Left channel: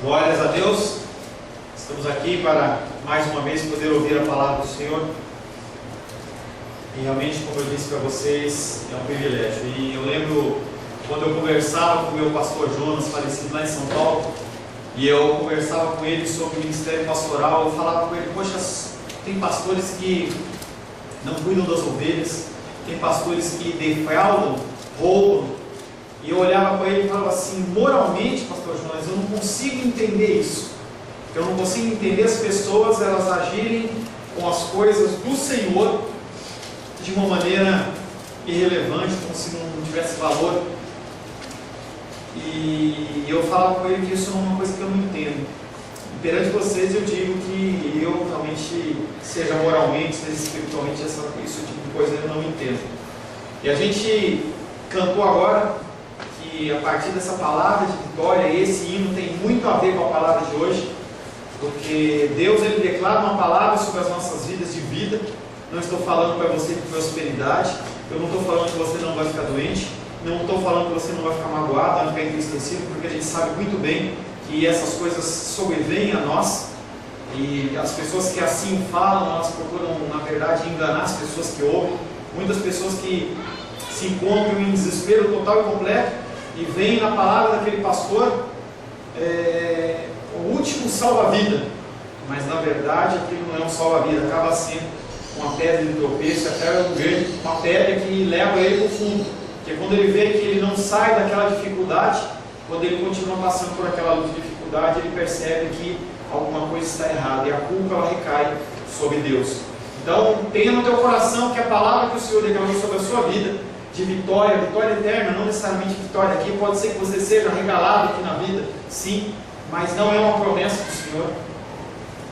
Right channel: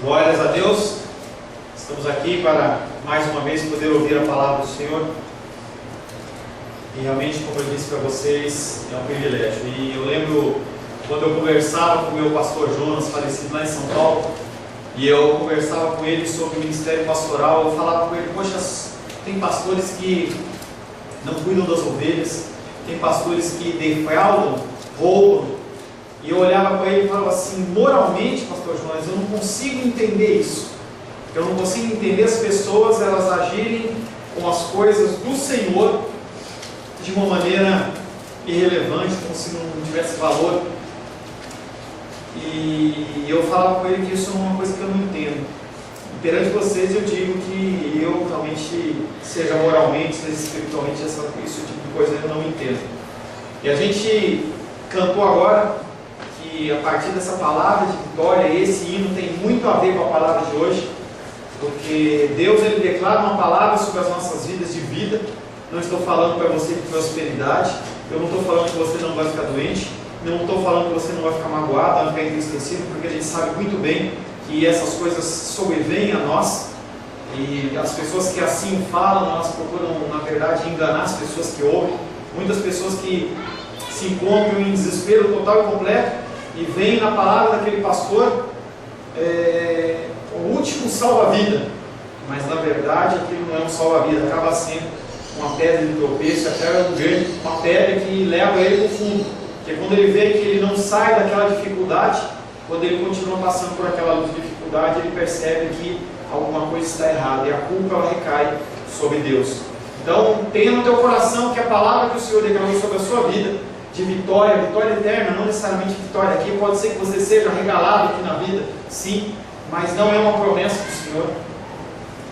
Glórias a Deus, estamos aqui para mais uma vez poder ouvir a palavra do Senhor e realmente, como eu disse para vocês, é um privilégio. E eu lembro quando eu conversava com o meu pastor Jonas, falecido lá em São Paulo, e eu conversava com ele sobre o ministério pastoral. Eu falava com ele: poxa, tem pastores que não cuidam das ovelhas, tem pastores que defraudam, roubam. E eu olhava para ele e falava assim: moralmente, pastor Jonas, eu não consigo entender isso. Eu não consigo entender as pessoas, elas agirem com as coisas do Senhor de uma maneira irrelevante, como se não tivesse valor. E eu falava com ele que isso é uma coisa que eu não entendo. E perante vocês eu digo que eu realmente, seja moralmente, seja espiritualmente, esse tipo de coisa eu não entendo. E a gente cantou agora que a partir dessa palavra de vitória, esse hino tem muito a ver com a palavra de hoje, porque Deus ele declara uma palavra sobre as nossas vidas de vida. Não estou falando para você de prosperidade, eu não estou falando que você não vai ficar doente, não estou falando que você não vai ficar magoado, não vai ficar entristecido, porque a gente sabe muito bem que essas coisas sobrevêm a nós, e as pessoas que assim falam, elas procuram na verdade enganar as pessoas que ouvem. Muitas pessoas que se encontram em desespero total e completo e veem na palavra daquele pastor o último salva-vida, mas na verdade aquilo não é um salva-vida, acaba sendo uma pedra de tropeço, até uma pedra que leva ele para o fundo, porque quando ele vê que ele não sai daquela dificuldade, quando ele continua passando por aquela luta de dificuldade, ele percebe que alguma coisa está errada e a culpa ela recai sobre Deus. Então tenha no teu coração que a palavra que o Senhor declarou sobre a sua vida de vitória, vitória eterna, não necessariamente vitória aqui, pode ser que você seja regalado aqui na vida, sim, mas não é uma promessa do Senhor,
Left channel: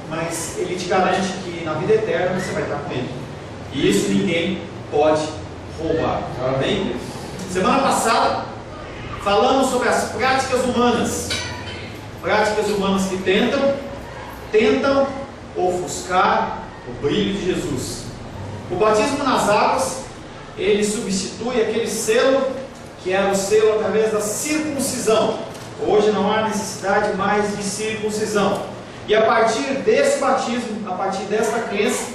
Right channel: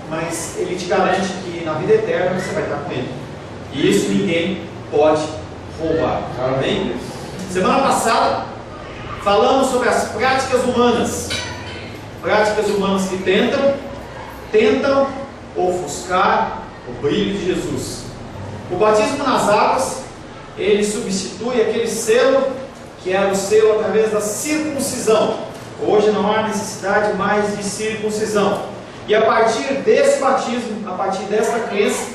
mas Ele te garante que na vida eterna você vai estar com Ele, e isso ninguém pode roubar. Amém? Semana passada falamos sobre as práticas humanas que tentam ofuscar o brilho de Jesus. O batismo nas águas, ele substitui aquele selo que era o selo através da circuncisão. Hoje não há necessidade mais de circuncisão. E a partir desse batismo, a partir desta crença,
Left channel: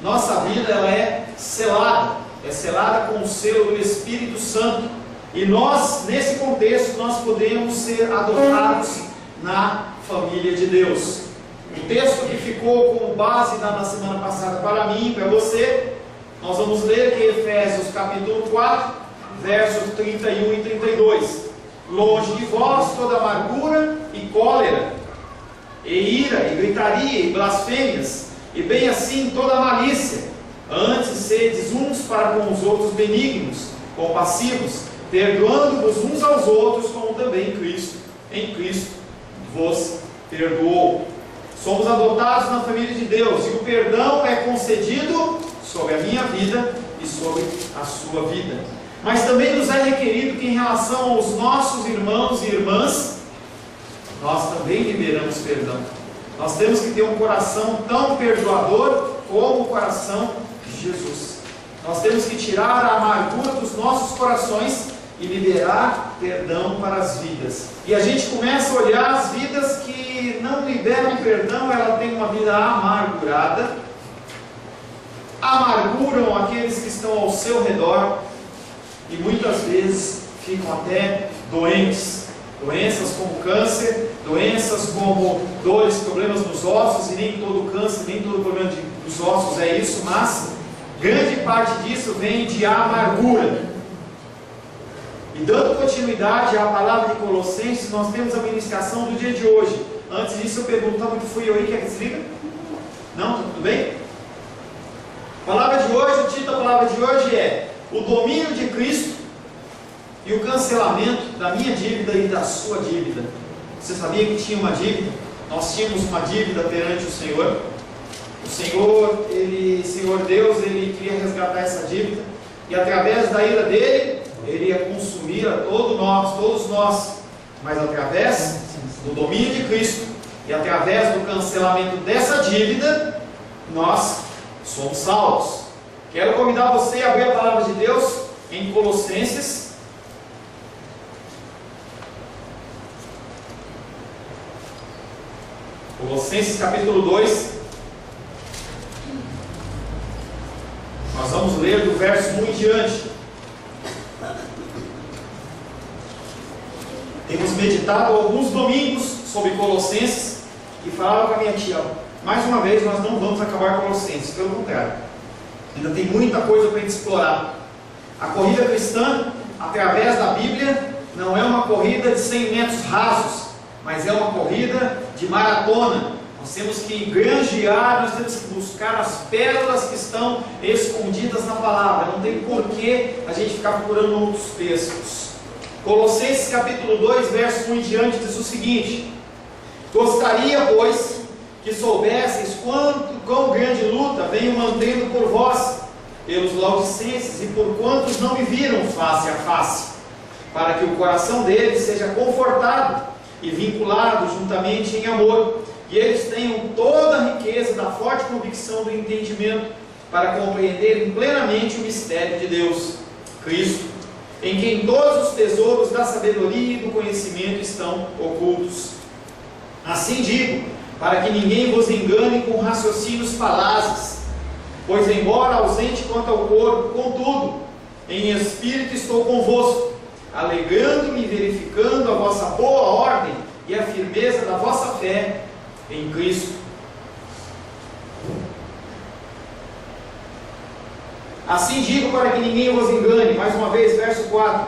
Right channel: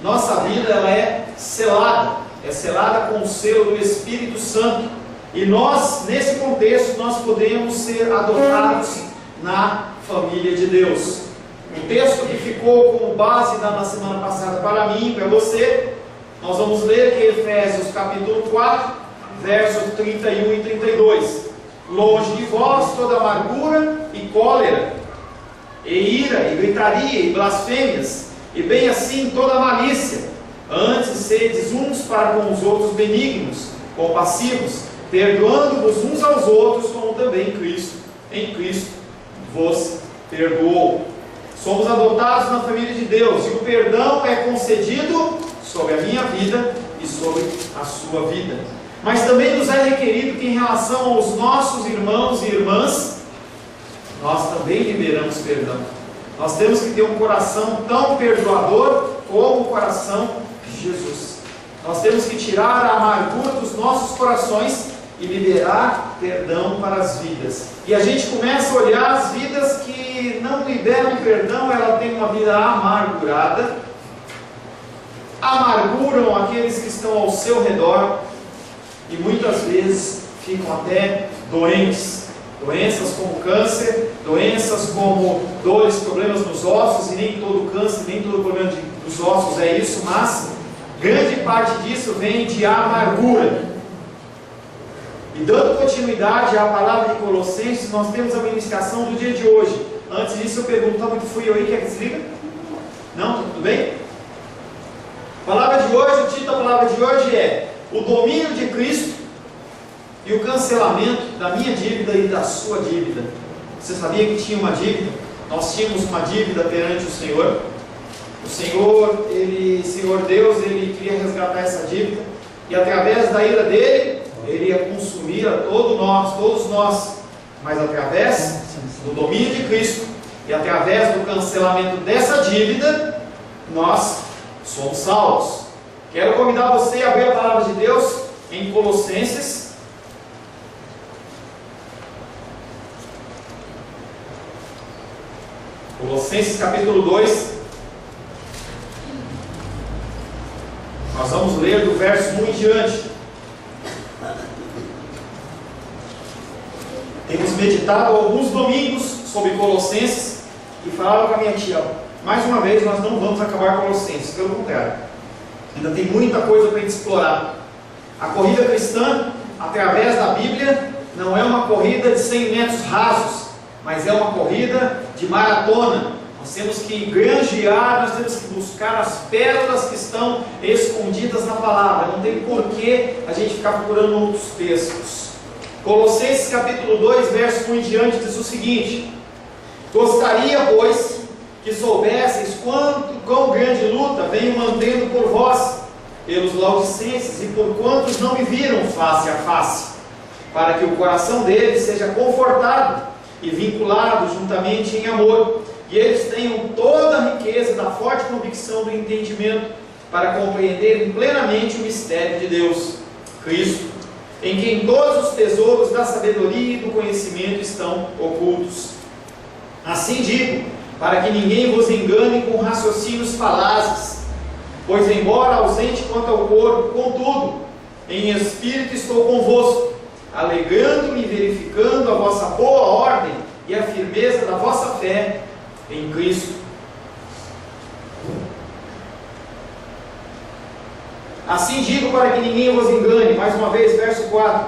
nossa vida ela é selada com o selo do Espírito Santo. E nós, nesse contexto, nós podemos ser adotados na família de Deus. O texto que ficou como base na semana passada para mim e para você, nós vamos ler aqui Efésios capítulo 4, versos 31 e 32. Longe de vós toda amargura e cólera, e ira, e gritaria, e blasfêmias, e bem assim toda malícia. Antes sedes uns para com os outros benignos, compassivos, perdoando-vos uns aos outros, como também Cristo, em Cristo, vos perdoou. Somos adotados na família de Deus, e o perdão é concedido sobre a minha vida e sobre a sua vida. Mas também nos é requerido que em relação aos nossos irmãos e irmãs, nós também liberamos perdão. Nós temos que ter um coração tão perdoador como o coração de Jesus. Nós temos que tirar a amargura dos nossos corações e liberar perdão para as vidas. E a gente começa a olhar as vidas que não liberam perdão, ela tem uma vida amargurada, amarguram aqueles que estão ao seu redor e muitas vezes ficam até doentes. Doenças como câncer, doenças como dores, problemas nos ossos, e nem todo câncer, nem todo problema dos ossos é isso, mas grande parte disso vem de amargura. E dando continuidade à palavra de Colossenses, nós temos a ministração do dia de hoje. Antes disso eu pergunto: está muito frio aí? Quer que desliga? Não? Tudo bem? A palavra de hoje, o título da palavra de hoje é o domínio de Cristo e o cancelamento da minha dívida e da sua dívida. Você sabia que tinha uma dívida? Nós tínhamos uma dívida perante o Senhor. O Senhor Deus, Ele queria resgatar essa dívida, e através da ira dele, Ele ia consumir a todos nós, mas através do domínio de Cristo e através do cancelamento dessa dívida, nós somos salvos. Quero convidar você a abrir a palavra de Deus em Colossenses Colossenses capítulo 2. Nós vamos ler do verso 1 em diante. Temos meditado alguns domingos sobre Colossenses e falava com a minha tia, mais uma vez nós não vamos acabar Colossenses, pelo contrário, ainda tem muita coisa para a gente explorar. A corrida cristã, através da Bíblia, não é uma corrida de 100 metros rasos, mas é uma corrida de maratona. Nós temos que granjear, nós temos que buscar as pérolas que estão escondidas na palavra. Não tem porquê a gente ficar procurando outros textos. Colossenses capítulo 2, verso 1 em diante, diz o seguinte: gostaria, pois, que soubesseis quão grande luta venho mantendo por vós, pelos laodicenses, e por quantos não me viram face a face, para que o coração deles seja confortado e vinculado juntamente em amor, e eles tenham toda a riqueza da forte convicção do entendimento, para compreenderem plenamente o mistério de Deus, Cristo, em quem todos os tesouros da sabedoria e do conhecimento estão ocultos. Assim digo, para que ninguém vos engane com raciocínios falazes, pois embora ausente quanto ao corpo, contudo, em espírito estou convosco, alegrando-me e verificando a vossa boa ordem e a firmeza da vossa fé em Cristo. Assim digo para que ninguém vos engane, mais uma vez, verso 4.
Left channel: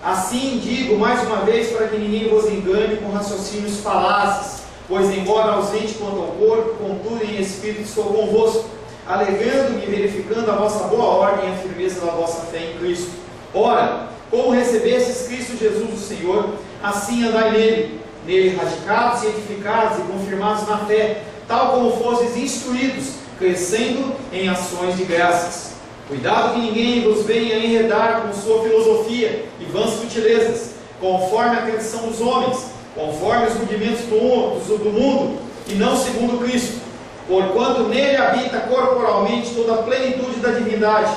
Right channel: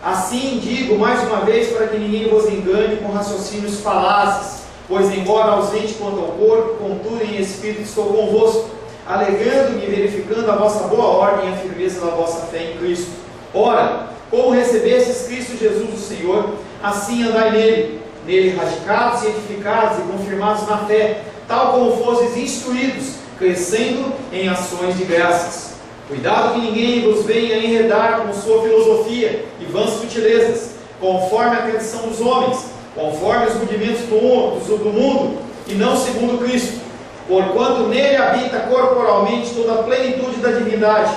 Assim digo mais uma vez para que ninguém vos engane com raciocínios falazes, pois embora ausente quanto ao corpo, contudo em espírito estou convosco, alegrando-me e verificando a vossa boa ordem e a firmeza da vossa fé em Cristo. Ora, como recebestes Cristo Jesus o Senhor, assim andai nele radicados e edificados e confirmados na fé, tal como fostes instruídos, crescendo em ações de graças. Cuidado que ninguém vos venha enredar com sua filosofia e vãs sutilezas, conforme a tradição dos homens, conforme os rudimentos do mundo, e não segundo Cristo, porquanto nele habita corporalmente toda a plenitude da divindade.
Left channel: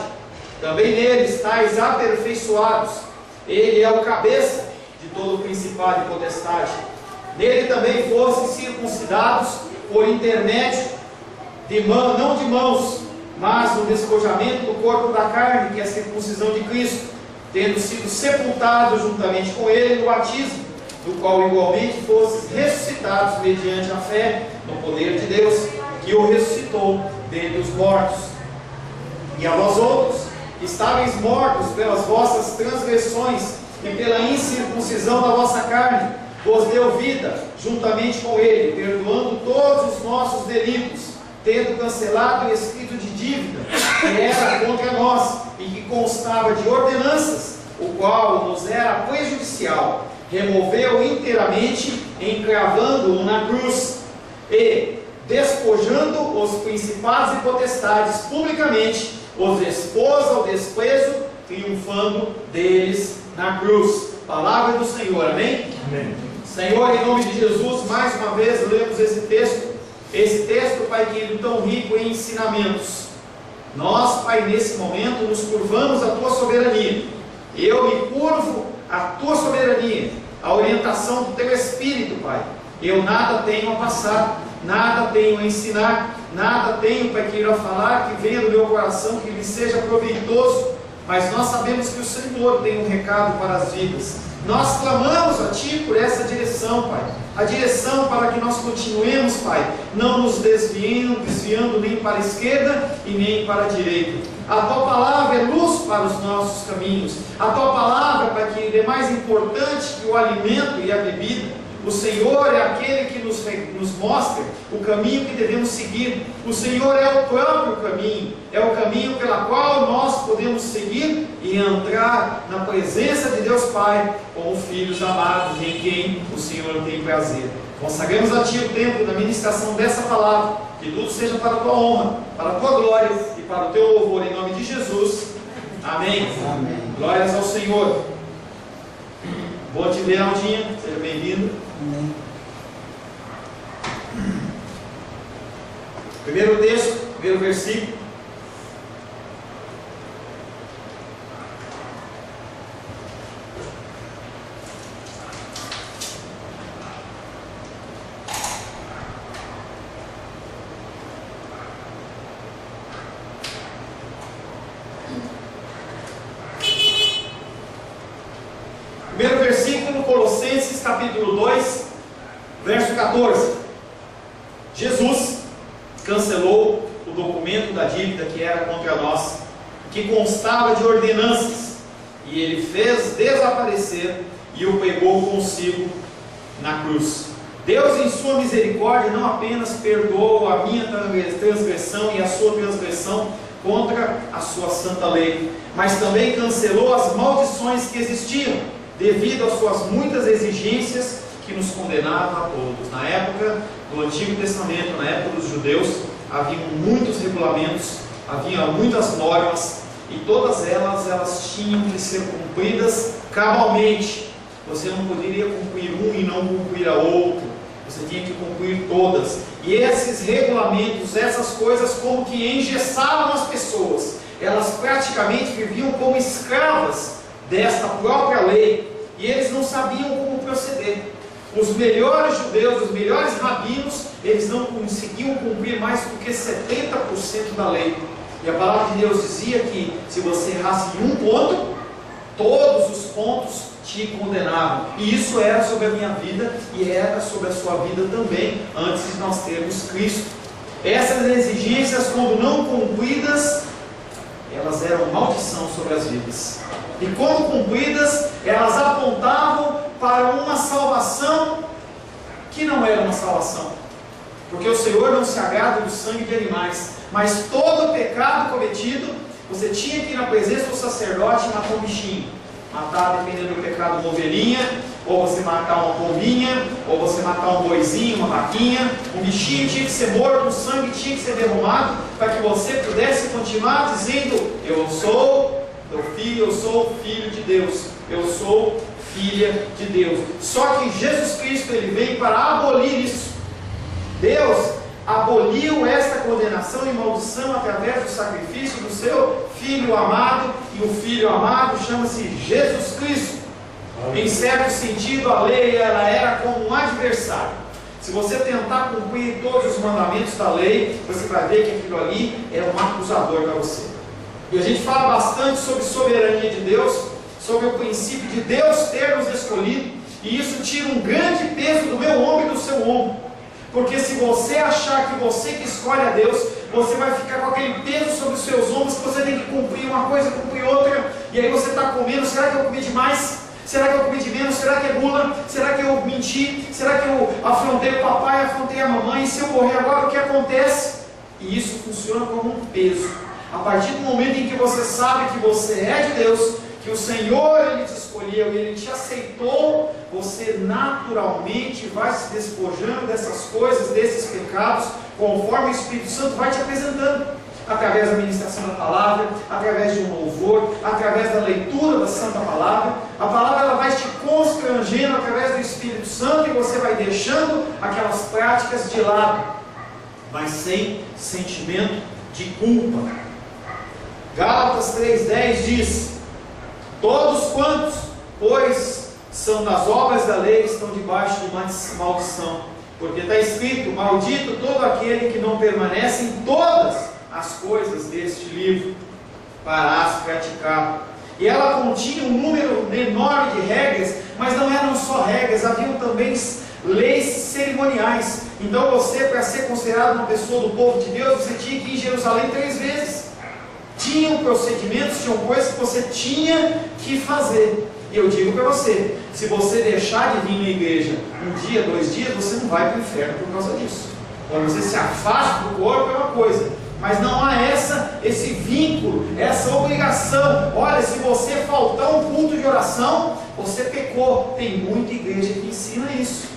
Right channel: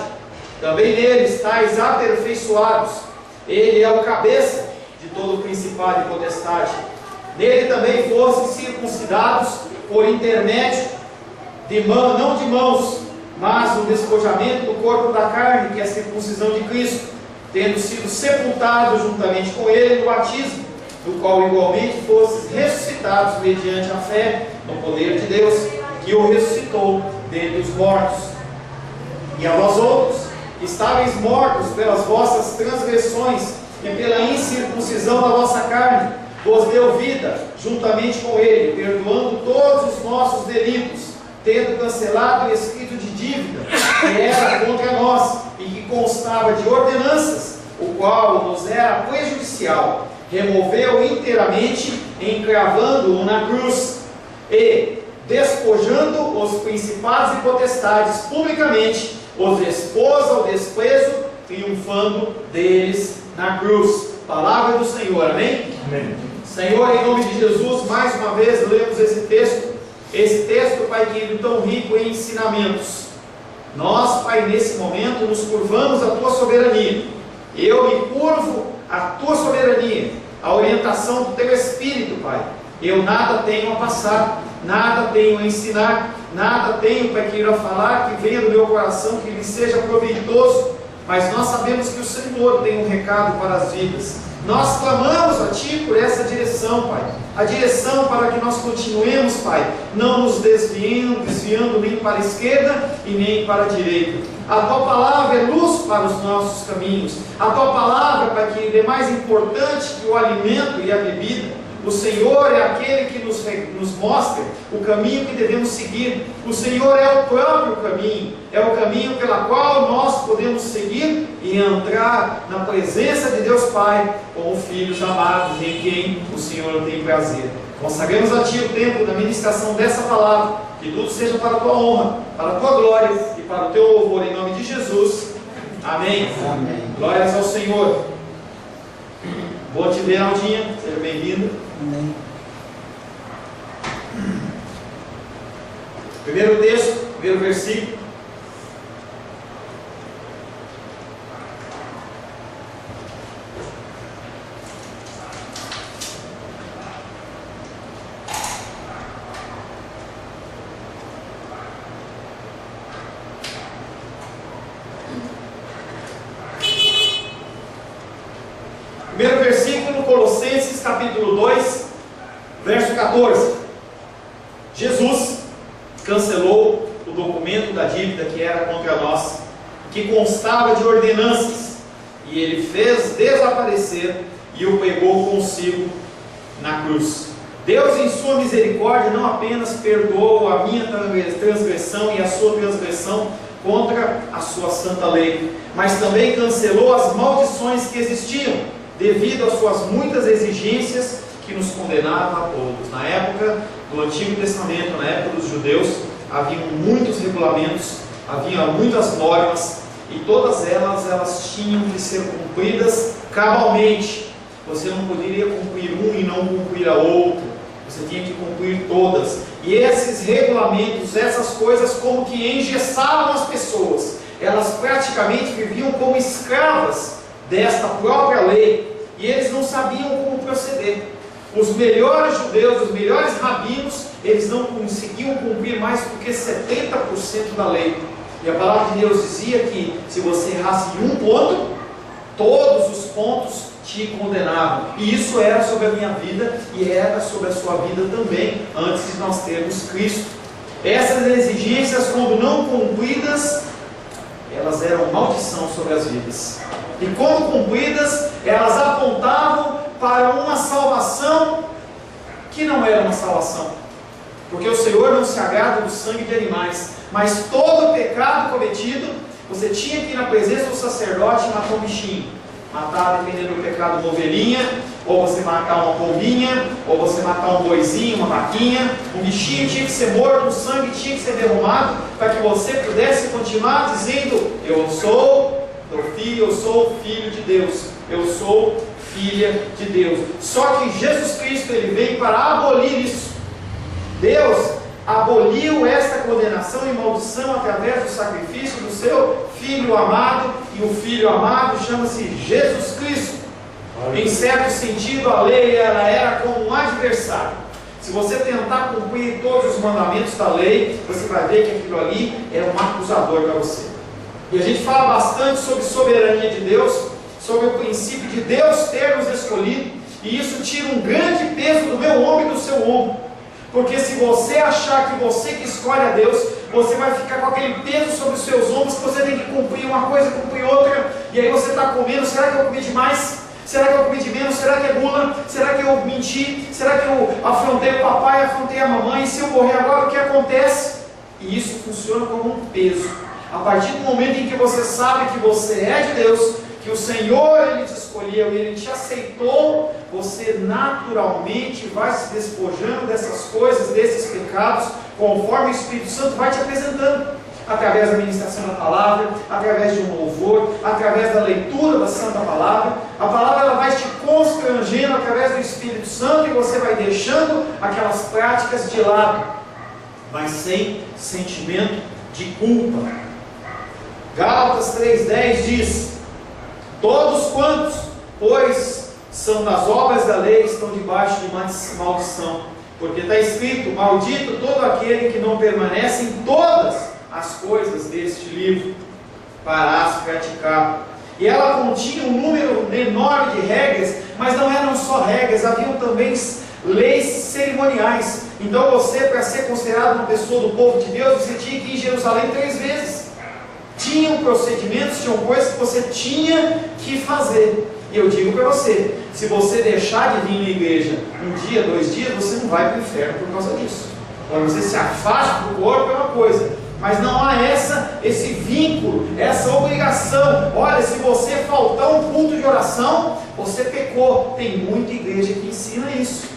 Também nele estáis aperfeiçoados. Ele é o cabeça de todo o principado e potestade. Nele também fostes circuncidados por intermédio não de mãos, mas no despojamento do corpo da carne, que é a circuncisão de Cristo, tendo sido sepultados juntamente com ele no batismo, do qual igualmente fostes ressuscitados mediante a fé no poder de Deus, que o ressuscitou dentre os mortos. E a vós outros, que estáveis mortos pelas vossas transgressões e pela incircuncisão da vossa carne, vos deu vida juntamente com ele, perdoando todos os nossos delitos, tendo cancelado o escrito de dívida que era contra nós e que constava de ordenanças, o qual nos era prejudicial, removeu inteiramente, encravando-o na cruz, e, despojando os principados e potestades publicamente, os expôs ao desprezo, triunfando deles na cruz. Palavra do Senhor, amém? Amém. Senhor, em nome de Jesus, mais uma vez lemos esse texto, Pai querido, tão rico em ensinamentos. Nós, Pai, nesse momento nos curvamos à Tua soberania. Eu me curvo à Tua soberania, à orientação do Teu Espírito, Pai. Eu nada tenho a passar, nada tenho a ensinar, nada tenho, Pai querido, a falar que venha do meu coração, que lhe seja proveitoso, mas nós sabemos que o Senhor tem um recado para as vidas. Nós clamamos a Ti por essa direção, Pai. A direção para que nós continuemos, Pai, não nos desviando nem para a esquerda e nem para a direita. A Tua palavra é luz para os nossos caminhos. A Tua palavra, Pai, que é mais importante que o alimento e a bebida. O Senhor é aquele que nos mostra o caminho que devemos seguir. O Senhor é o próprio caminho. É o caminho pela qual nós podemos seguir e entrar na presença de Deus Pai como filhos amados, em quem o Senhor tem prazer. Consagramos a Ti o tempo da ministração dessa palavra. Que tudo seja para a Tua honra, para a Tua glória e para o Teu louvor, em nome de Jesus. Amém. Amém. Glórias ao Senhor. Bom te ver, Aldinha. Seja bem-vindo. Amém. Primeiro texto, primeiro versículo. capítulo 2, verso 14. Jesus cancelou o documento da dívida que era contra nós, que constava de ordenanças, e Ele fez desaparecer e o pegou consigo na cruz. Deus, em sua misericórdia, não apenas perdoou a minha transgressão e a sua transgressão contra a sua santa lei, mas também cancelou as maldições que existiam, devido às suas muitas exigências que nos condenavam a todos. Na época do Antigo Testamento, na época dos judeus, haviam muitos regulamentos, havia muitas normas, e todas elas tinham que ser cumpridas cabalmente. Você não poderia cumprir um e não cumprir a outro, você tinha que cumprir todas. E esses regulamentos, essas coisas como que engessavam as pessoas. Elas praticamente viviam como escravas desta própria lei, e eles não sabiam como proceder. Os melhores judeus, os melhores rabinos, eles não conseguiam cumprir mais do que 70% da lei. E a palavra de Deus dizia que se você errasse em um ponto, todos os pontos te condenavam. E isso era sobre a minha vida e era sobre a sua vida também, antes de nós termos Cristo. Essas exigências, quando não cumpridas, elas eram maldição sobre as vidas. E quando cumpridas, elas apontavam para uma salvação que não era uma salvação. Porque o Senhor não se agrada do sangue de animais, mas todo pecado cometido, você tinha que ir na presença do sacerdote e matar um bichinho. Matar, dependendo do pecado, uma ovelhinha, ou você matar uma pombinha, ou você matar um boizinho, uma vaquinha. Um bichinho tinha que ser morto, o sangue tinha que ser derramado, para que você pudesse continuar dizendo: eu sou teu filho, eu sou filho de Deus, eu sou filha de Deus. Só que Jesus Cristo, Ele veio para abolir isso. Deus aboliu esta condenação e maldição através do sacrifício do seu Filho amado, e o Filho amado chama-se Jesus Cristo. Em certo sentido, a lei ela era como um adversário. Se você tentar cumprir todos os mandamentos da lei, você vai ver que aquilo ali é um acusador para você. E a gente fala bastante sobre soberania de Deus, sobre o princípio de Deus ter nos escolhido, e isso tira um grande peso do meu ombro e do seu ombro. Porque se você achar que você que escolhe a Deus, você vai ficar com aquele peso sobre os seus ombros, que você tem que cumprir uma coisa, cumprir outra, e aí você está comendo: será que eu comi demais? Será que eu comi de menos? Será que é gula? Será que eu menti? Será que eu afrontei o papai, afrontei a mamãe? E se eu morrer agora, o que acontece? E isso funciona como um peso. A partir do momento em que você sabe que você é de Deus, que o Senhor Ele te escolheu e Ele te aceitou, você naturalmente vai se despojando dessas coisas, desses pecados, conforme o Espírito Santo vai te apresentando, através da ministração da palavra, através de um louvor, através da leitura da Santa Palavra. A palavra ela vai te constrangendo através do Espírito Santo, e você vai deixando aquelas práticas de lado, mas sem sentimento de culpa. Gálatas 3,10 diz: todos quantos, pois, são das obras da lei, estão debaixo de maldição, porque está escrito: maldito todo aquele que não permanece em todas as coisas deste livro, para as praticar. E ela continha um número enorme de regras, mas não eram só regras, haviam também leis cerimoniais. Então você, para ser considerado uma pessoa do povo de Deus, você tinha que ir em Jerusalém 3 vezes. Tinham procedimentos, tinham coisas que você tinha que fazer. E eu digo para você, se você deixar de vir na igreja um dia, 2 dias, você não vai para o inferno por causa disso. Quando você se afasta do corpo é uma coisa, mas não há esse vínculo, essa obrigação. Olha, se você faltar um culto de oração, você pecou. Tem muita igreja que ensina isso.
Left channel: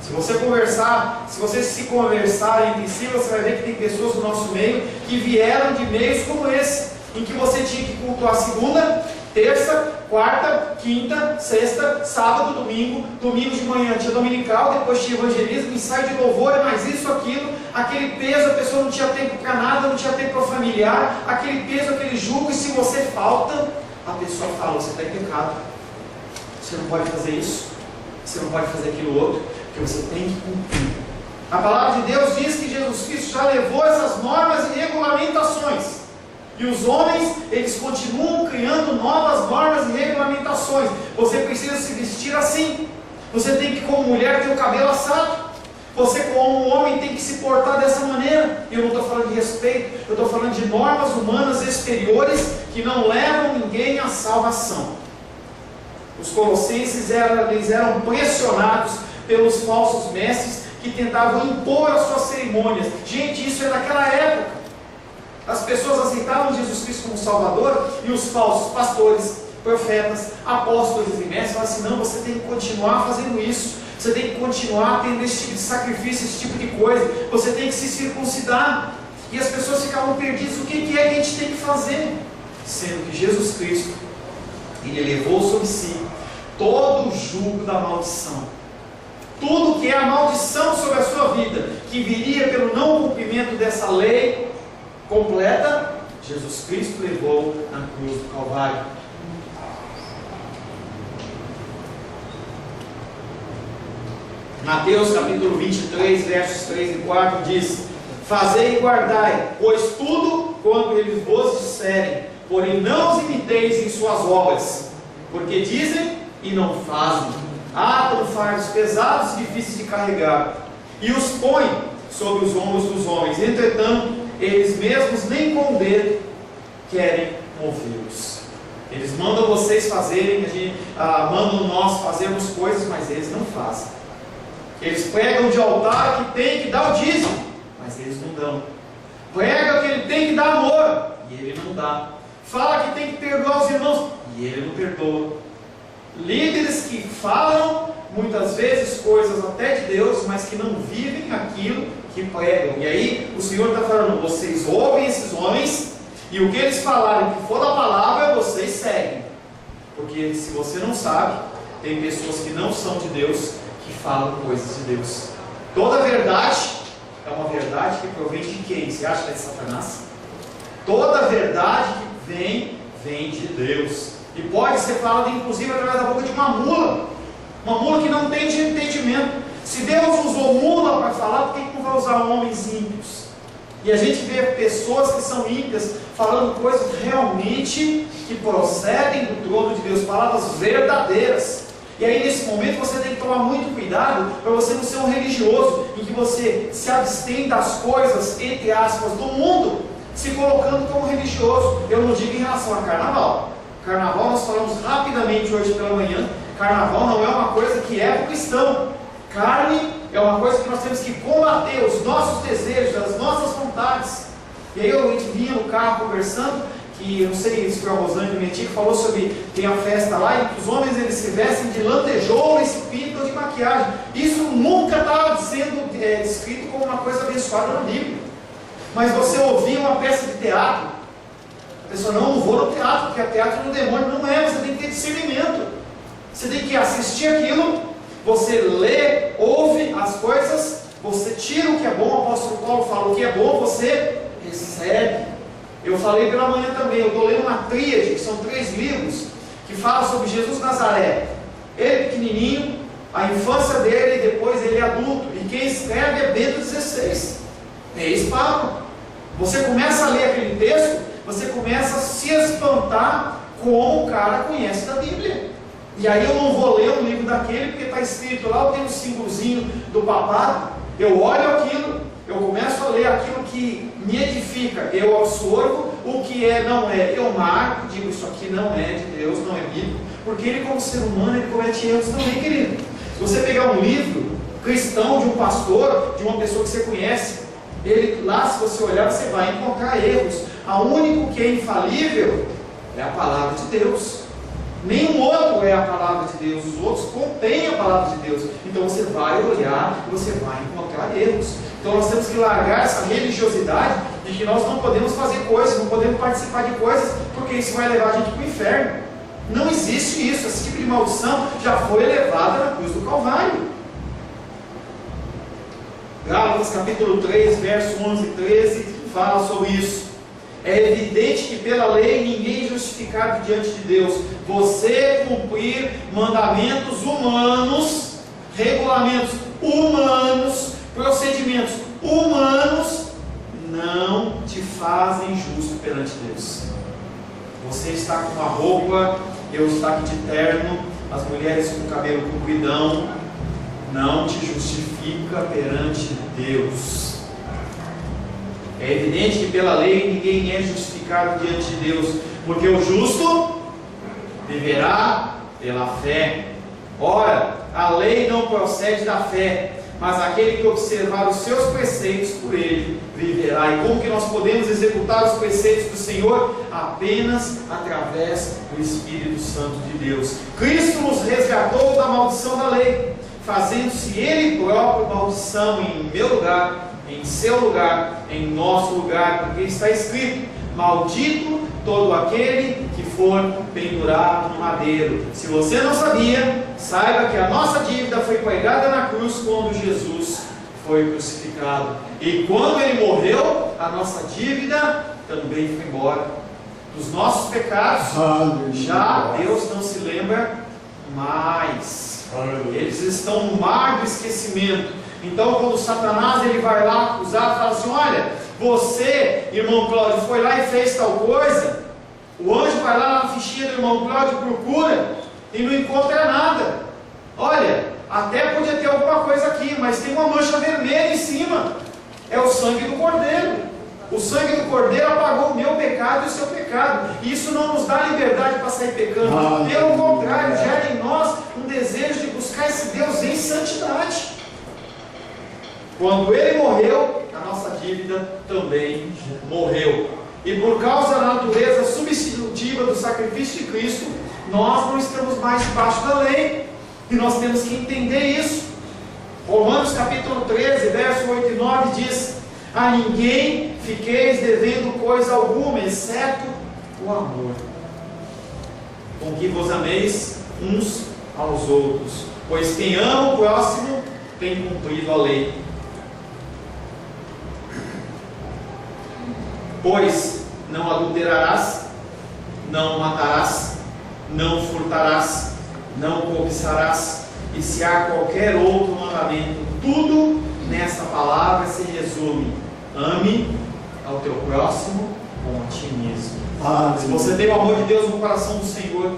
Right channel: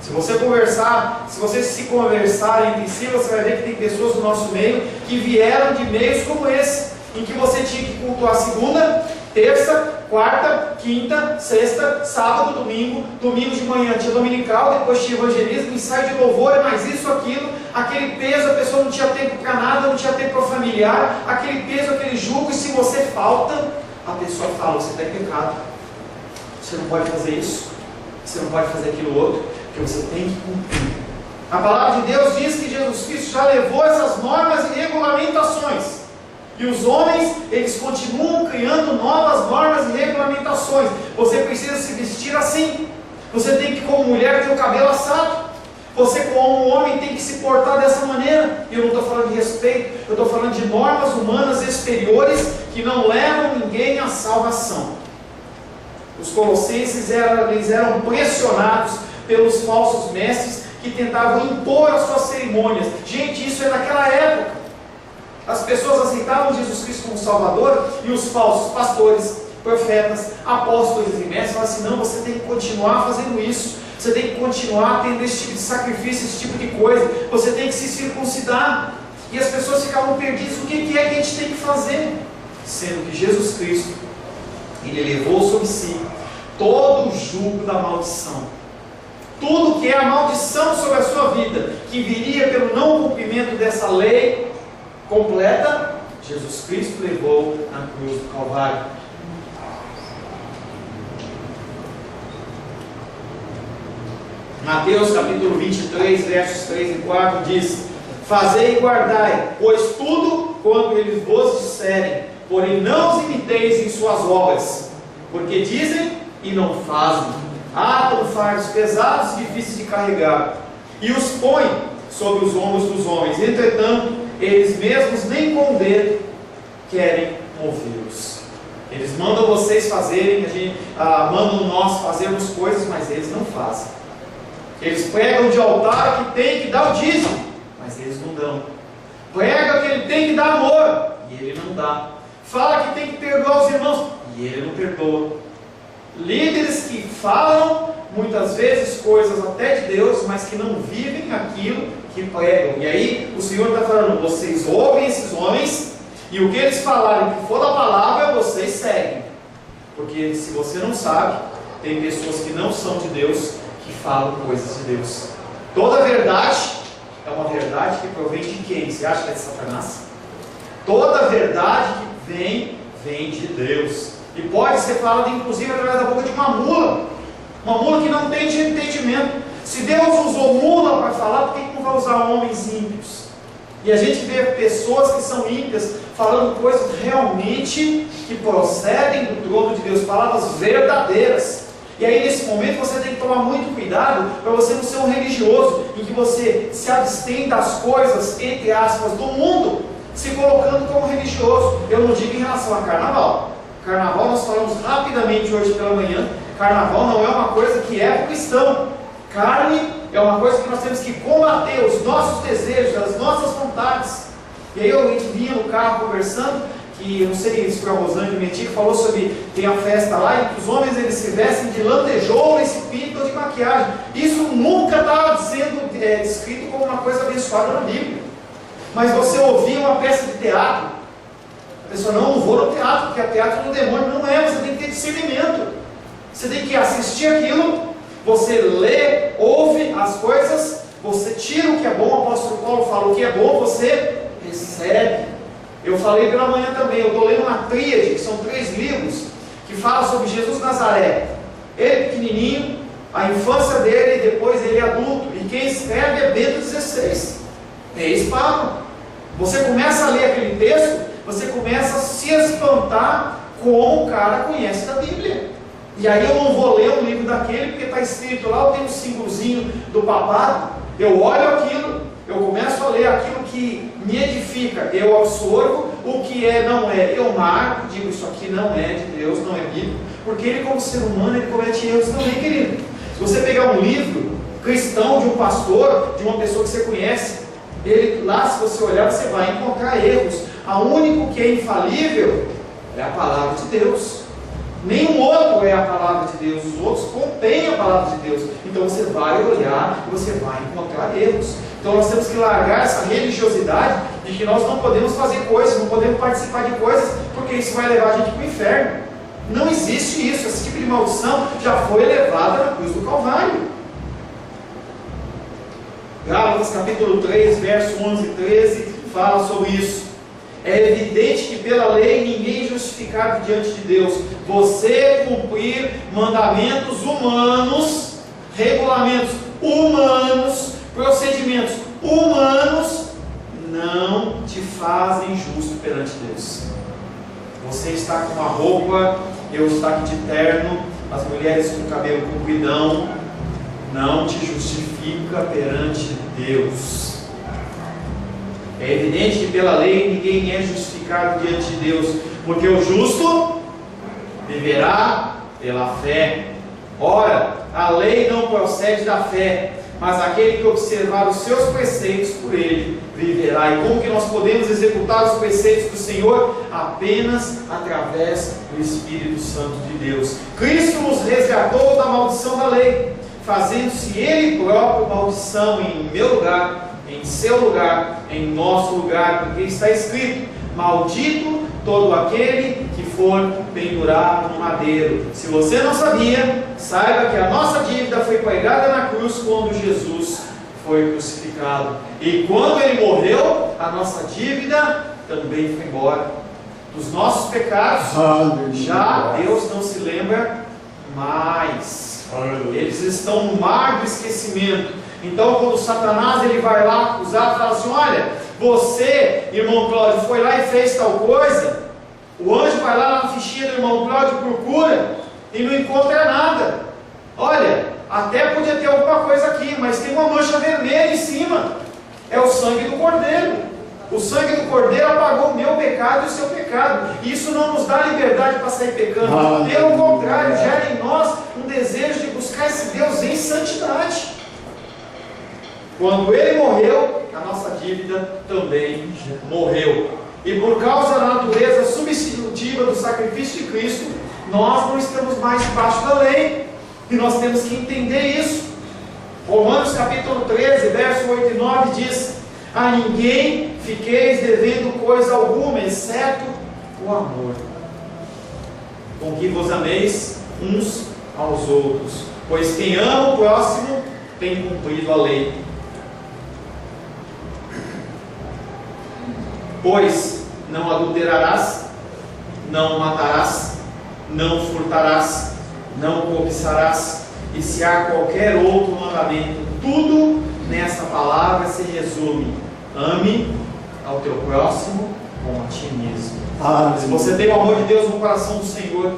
Se você conversar, se vocês se conversarem entre si, você vai ver que tem pessoas no nosso meio que vieram de meios como esse, em que você tinha que cultuar segunda, terça, quarta, quinta, sexta, sábado, domingo, domingo de manhã tinha dominical, depois tinha evangelismo, ensaio de louvor, mais isso, aquilo, aquele peso, a pessoa não tinha tempo para nada, não tinha tempo para familiar, aquele peso, aquele jugo, e se você falta, a pessoa fala: você está em pecado, você não pode fazer isso, você não pode fazer aquilo outro, porque você tem que cumprir. A palavra de Deus diz que Jesus Cristo já levou essas normas e regulamentações, e os homens, eles continuam criando novas normas e regulamentações. Você precisa se vestir assim, Você tem que, como mulher, ter o cabelo assado. Você, como homem, tem que se portar dessa maneira. E eu não estou falando de respeito, eu estou falando de normas humanas exteriores que não levam ninguém à salvação. Os colossenses eram pressionados pelos falsos mestres que tentavam impor as suas cerimônias. Gente, isso é daquela época. As pessoas aceitavam Jesus Cristo como Salvador e os falsos pastores, profetas, apóstolos e mestres falavam assim: não, você tem que continuar fazendo isso, você tem que continuar tendo esse tipo de sacrifício, esse tipo de coisa, você tem que se circuncidar. E as pessoas ficavam perdidas: o que é que a gente tem que fazer? Sendo que Jesus Cristo, Ele levou sobre si todo o jugo da maldição. Tudo que é a maldição sobre a sua vida, que viria pelo não cumprimento dessa lei completa, Jesus Cristo levou na cruz do Calvário. Mateus capítulo 23, versos 3 e 4 diz: fazei e guardai, pois tudo quanto eles vos disserem, porém não os imiteis em suas obras, porque dizem e não fazem. Atam fardos pesados e difíceis de carregar, e os põem sobre os ombros dos homens, entretanto, eles mesmos nem com o dedo querem movê-los. Eles mandam vocês fazerem, mandam nós fazermos coisas, mas eles não fazem. Eles pregam de altar que tem que dar o dízimo, mas eles não dão. Prega que ele tem que dar amor, e ele não dá. Fala que tem que perdoar os irmãos, e ele não perdoa. Líderes que falam muitas vezes coisas até de Deus, mas que não vivem aquilo que pregam. E aí o Senhor está falando: vocês ouvem esses homens, e o que eles falarem que for da palavra, vocês seguem. Porque se você não sabe, tem pessoas que não são de Deus, que falam coisas de Deus. Toda verdade é uma verdade que provém de quem? Você acha que é de Satanás? Toda verdade que vem de Deus. E pode ser falada inclusive através da boca de uma mula que não tem entendimento. Se Deus usou mula para falar, por que não vai usar homens ímpios? E a gente vê pessoas que são ímpias falando coisas realmente que procedem do trono de Deus, palavras verdadeiras. E aí nesse momento você tem que tomar muito cuidado para você não ser um religioso, em que você se abstém das coisas, entre aspas, do mundo, se colocando como religioso. Eu não digo em relação a carnaval. Carnaval nós falamos rapidamente hoje pela manhã. Carnaval não é uma coisa que é para o cristão. Carne é uma coisa que nós temos que combater, os nossos desejos, as nossas vontades. E aí eu vinha no carro conversando, que eu não sei se foi a Rosângela Meti que falou sobre, tem a festa lá, e que os homens eles se vestem de lantejoula e se pintam de maquiagem. Isso nunca estava sendo descrito como uma coisa abençoada na Bíblia. Mas você ouvia uma peça de teatro, a pessoa: não vou no teatro, porque o teatro do demônio. Não é, você tem que ter discernimento. Você tem que assistir aquilo, você lê, ouve as coisas, você tira o que é bom. O apóstolo Paulo fala: o que é bom você recebe. Eu falei pela manhã também, eu estou lendo uma tríade, que são 3 livros, que fala sobre Jesus Nazaré. Ele pequenininho, a infância dele, e depois ele adulto. E quem escreve é Bento XVI. Ex-papa. Você começa a ler aquele texto, você começa a se espantar como o cara conhece da Bíblia. E aí eu não vou ler um livro daquele, porque está escrito lá, eu tenho um símbolozinho do papado, eu olho aquilo, eu começo a ler aquilo que me edifica, eu absorvo, o que não é, eu marco, digo: isso aqui não é de Deus, não é bíblico, porque ele, como ser humano, ele comete erros também, querido. Se você pegar um livro cristão de um pastor, de uma pessoa que você conhece, ele lá, se você olhar, você vai encontrar erros. A único que é infalível é a palavra de Deus. Nenhum outro é a palavra de Deus. Os outros contêm a palavra de Deus. Então você vai olhar e você vai encontrar erros. Então nós temos que largar essa religiosidade de que nós não podemos fazer coisas, não podemos participar de coisas, porque isso vai levar a gente para o inferno. Não existe isso. Esse tipo de maldição já foi levada na cruz do Calvário. Gálatas capítulo 3, verso 11 e 13 fala sobre isso. É evidente que pela lei ninguém é justificado diante de Deus. Você cumprir mandamentos humanos, regulamentos humanos, procedimentos humanos, não te fazem justo perante Deus. Você está com uma roupa, eu estou aqui de terno, as mulheres com cabelo compridão, não te justifica perante Deus. É evidente que pela lei ninguém é justificado diante de Deus, porque o justo viverá pela fé. Ora, a lei não procede da fé, mas aquele que observar os seus preceitos, por ele viverá. E como que nós podemos executar os preceitos do Senhor? Apenas através do Espírito Santo de Deus. Cristo nos resgatou da maldição da lei, fazendo-se Ele próprio maldição em meu lugar, em seu lugar, em nosso lugar, porque está escrito: maldito todo aquele que for pendurado no madeiro. Se você não sabia, saiba que a nossa dívida foi pregada na cruz quando Jesus foi crucificado. E quando Ele morreu, a nossa dívida também foi embora. Dos nossos pecados, já Deus não se lembra mais. Eles estão no mar do esquecimento. Então, quando Satanás ele vai lá acusar, fala assim: olha, você, irmão Cláudio, foi lá e fez tal coisa. O anjo vai lá na fichinha do irmão Cláudio, procura e não encontra nada. Olha, até podia ter alguma coisa aqui, mas tem uma mancha vermelha em cima. É o sangue do Cordeiro. O sangue do Cordeiro apagou o meu pecado e o seu pecado. E isso não nos dá liberdade para sair pecando. Pelo contrário, gera em nós um desejo de buscar esse Deus em santidade. Quando Ele morreu, a nossa dívida também morreu. E por causa da natureza substitutiva do sacrifício de Cristo, nós não estamos mais debaixo da lei. E nós temos que entender isso. Romanos capítulo 13, verso 8 e 9 diz: a ninguém fiqueis devendo coisa alguma, exceto o amor, com que vos ameis uns aos outros, pois quem ama o próximo tem cumprido a lei. Pois não adulterarás, não matarás, não furtarás, não cobiçarás, e se há qualquer outro mandamento, tudo nessa palavra se resume: ame ao teu próximo como a ti mesmo. Se você tem o amor de Deus no coração do Senhor,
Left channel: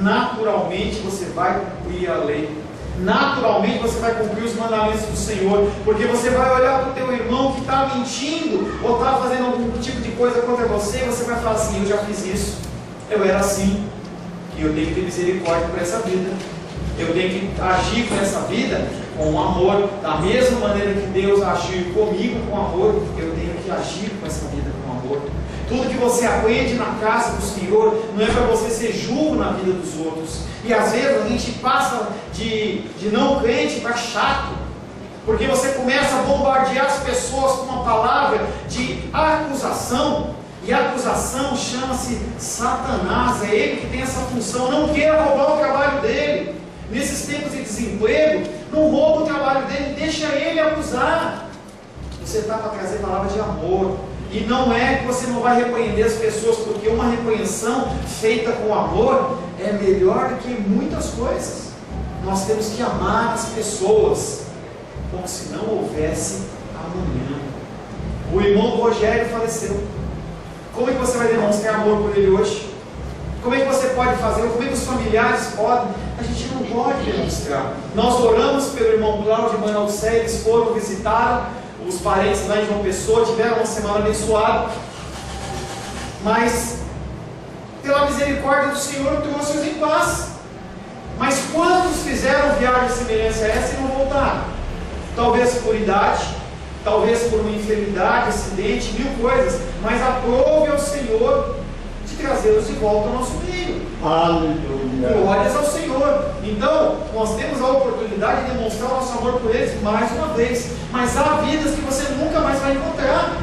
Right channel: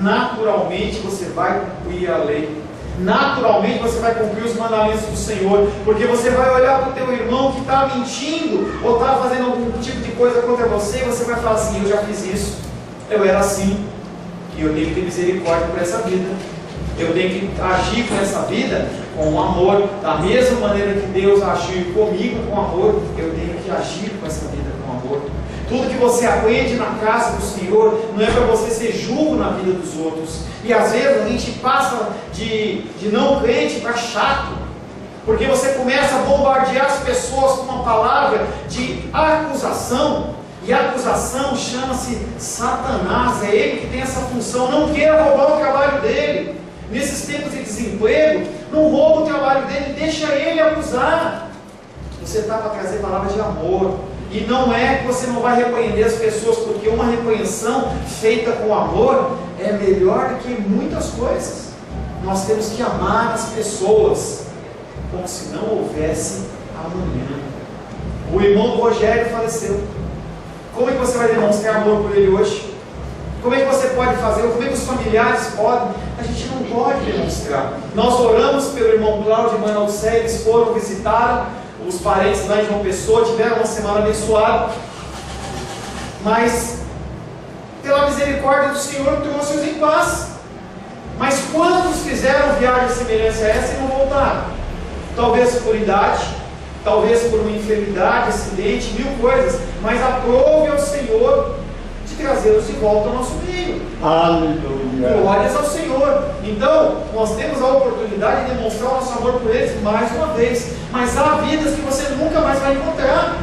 naturalmente você vai cumprir a lei. Naturalmente você vai cumprir os mandamentos do Senhor, porque você vai olhar para o teu irmão que está mentindo ou está fazendo algum tipo de coisa contra você, e você vai falar assim: eu já fiz isso, eu era assim, e eu tenho que ter misericórdia por essa vida, eu tenho que agir com essa vida com amor, da mesma maneira que Deus agiu comigo com amor, eu tenho que agir com essa vida com amor. Tudo que você aprende na casa do Senhor não é para você ser julgo na vida dos outros. E às vezes a gente passa de não crente para chato, porque você começa a bombardear as pessoas com uma palavra de acusação. E a acusação chama-se Satanás, é ele que tem essa função. Não queira roubar o trabalho dele. Nesses tempos de desemprego, não rouba o trabalho dele, deixa ele acusar. Você está para trazer palavra de amor. E não é que você não vai repreender as pessoas, porque uma repreensão feita com amor é melhor do que muitas coisas. Nós temos que amar as pessoas como se não houvesse amanhã. O irmão Rogério faleceu. Como é que você vai demonstrar amor por ele hoje? Como é que você pode fazer? Como é que os familiares podem? A gente não pode demonstrar. Nós oramos pelo irmão Cláudio e irmã Alcé, eles foram visitar os parentes lá em João Pessoa, tiveram uma semana abençoada, mas pela misericórdia do Senhor trouxe-os em paz. Mas quantos fizeram viagem semelhante a essa e não voltaram? Talvez por idade, talvez por uma enfermidade, acidente, mil coisas, mas aprove ao Senhor de trazê-los de volta ao nosso meio. Aleluia! Glórias ao Senhor. Então, nós temos a oportunidade de demonstrar o nosso amor por eles mais uma vez. Mas há vidas que você nunca mais vai encontrar.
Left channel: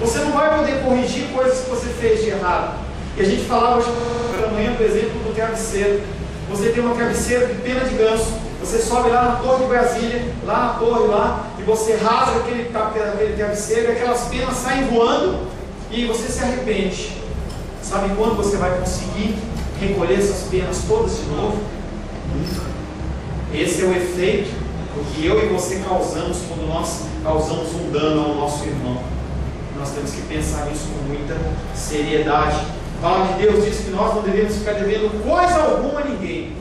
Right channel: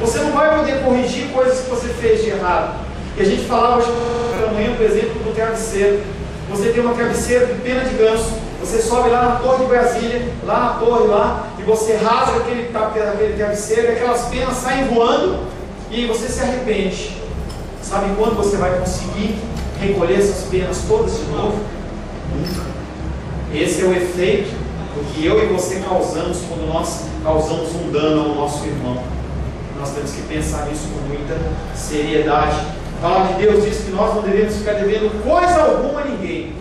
Você não vai poder corrigir coisas que você fez de errado. E a gente falava hoje pela manhã, por exemplo, do travesseiro. Você tem uma travesseira de pena de ganso. Você sobe lá na Torre de Brasília, lá na torre lá, e você rasga aquele travesseiro e aquelas penas saem voando e você se arrepende. Sabe quando você vai conseguir recolher essas penas todas de novo? Nunca. Esse é o efeito do que eu e você causamos quando nós causamos um dano ao nosso irmão. Nós temos que pensar nisso com muita seriedade. A palavra de Deus diz que nós não devemos ficar devendo coisa alguma a ninguém,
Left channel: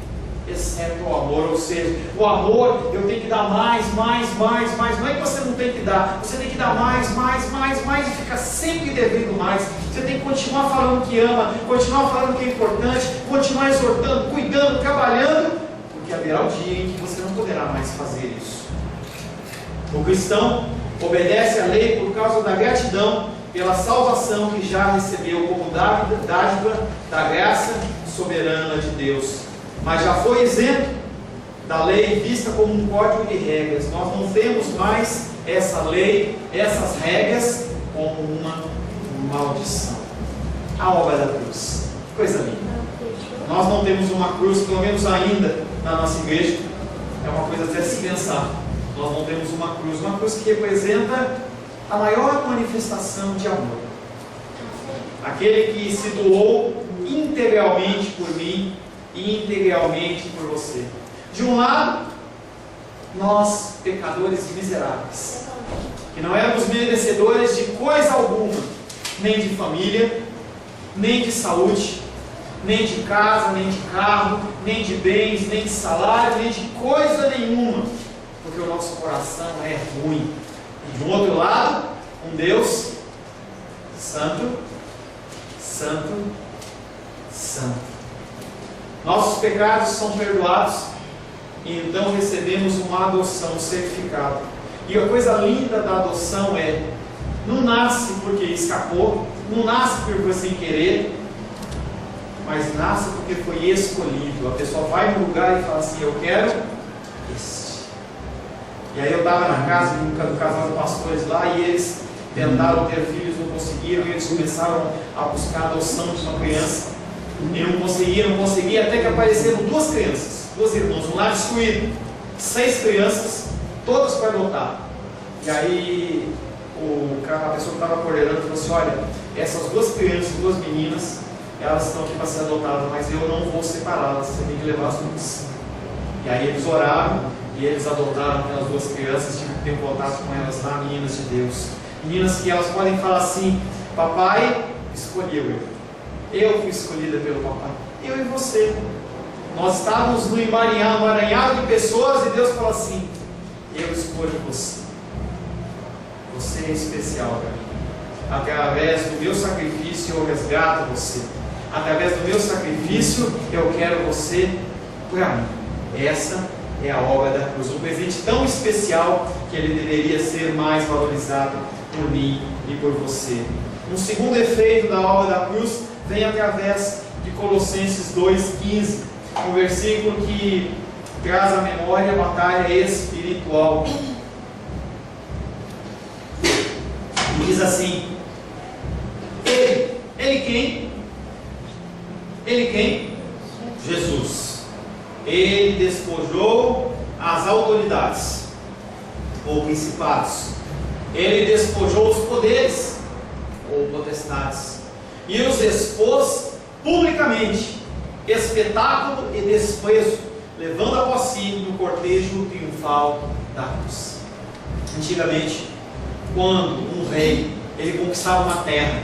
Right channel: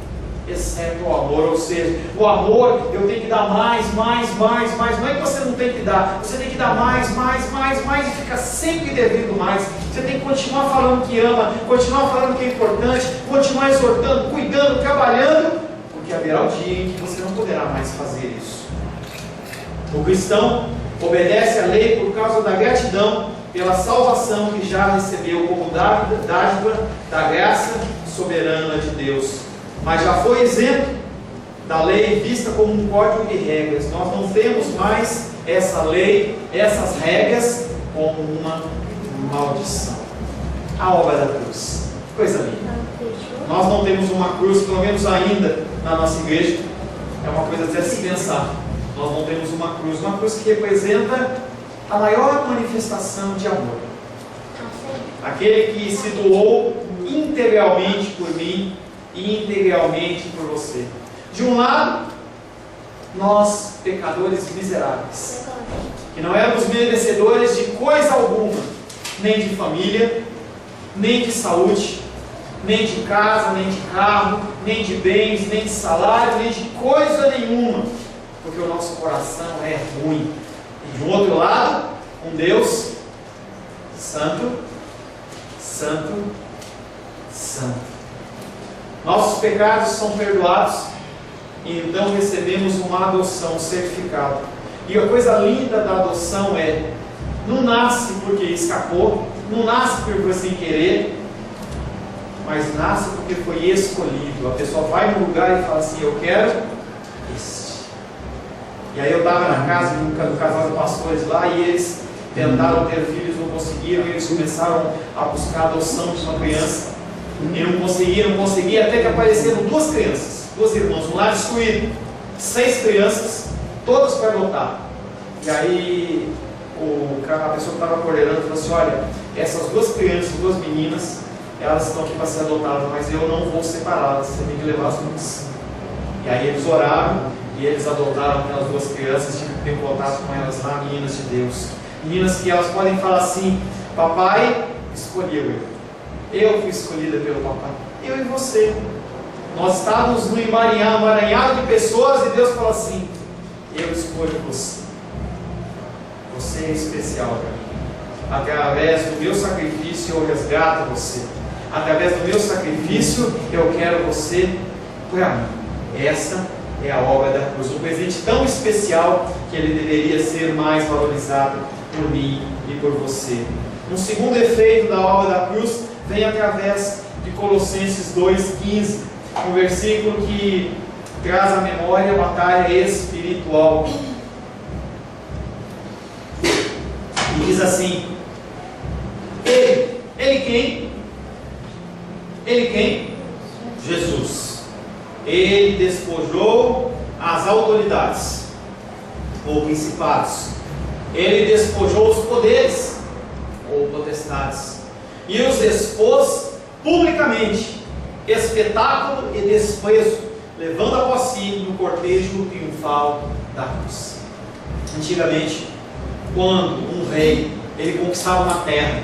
exceto o amor. Ou seja, o amor eu tenho que dar mais. Não é que você não tem que dar, você tem que dar mais e fica sempre devendo mais. Você tem que continuar falando que ama, continuar falando que é importante, continuar exortando, cuidando, trabalhando, porque haverá o dia em que você não poderá mais fazer isso. O cristão obedece à lei por causa da gratidão pela salvação que já recebeu como dádiva da graça soberana de Deus, mas já foi isento da lei vista como um código de regras. Nós não temos mais essa lei, essas regras como uma maldição. A obra da cruz, coisa linda. Nós não temos uma cruz, pelo menos ainda na nossa igreja. É uma coisa até se pensar. Nós não temos uma cruz que representa a maior manifestação de amor. Aquele que se doou integralmente por mim e integralmente por você. De um lado, nós, pecadores miseráveis, que não éramos merecedores de coisa alguma, nem de família, nem de saúde, nem de casa, nem de carro, nem de bens, nem de salário, nem de coisa nenhuma, porque o nosso coração é ruim. E do outro lado, um Deus santo, santo, santo. Nossos pecados são perdoados e então recebemos uma adoção, um certificado. E a coisa linda da adoção é: não nasce porque escapou, não nasce porque foi sem querer, mas nasce porque foi escolhido. A pessoa vai no lugar e fala assim: eu quero este. E aí eu estava na casa do casal de pastores lá, e eles tentaram ter filhos, não conseguiram, e eles começaram a buscar a adoção de uma criança, e não conseguiam, até que apareceram duas crianças, duas irmãs, um lar destruído, 6 crianças, todas para adotar. E aí a pessoa que estava coordenando falou assim: olha, essas duas crianças, duas meninas, elas estão aqui para ser adotadas, mas eu não vou separá-las, você tem que levar as duas. E aí eles oraram, e eles adotaram aquelas duas crianças, tive que ter contato com elas lá, meninas de Deus. Meninas que elas podem falar assim: papai escolheu eu fui escolhida pelo papai, eu e você. Nós estávamos no emaranhado de pessoas, e Deus falou assim: eu escolho você. Você é especial para mim. Através do meu sacrifício eu resgato você. Através do meu sacrifício eu quero você para mim. Essa é a obra da cruz, um presente tão especial que ele deveria ser mais valorizado por mim e por você. Um segundo efeito da obra da cruz vem através de Colossenses 2,15, um versículo que traz à memória a batalha espiritual. E diz assim: Ele quem? Ele quem? Jesus. Ele despojou as autoridades, ou principados. Ele despojou os poderes, ou potestades, e os expôs publicamente, espetáculo e desprezo, levando após si no cortejo triunfal da cruz. Antigamente, quando um rei ele conquistava uma terra,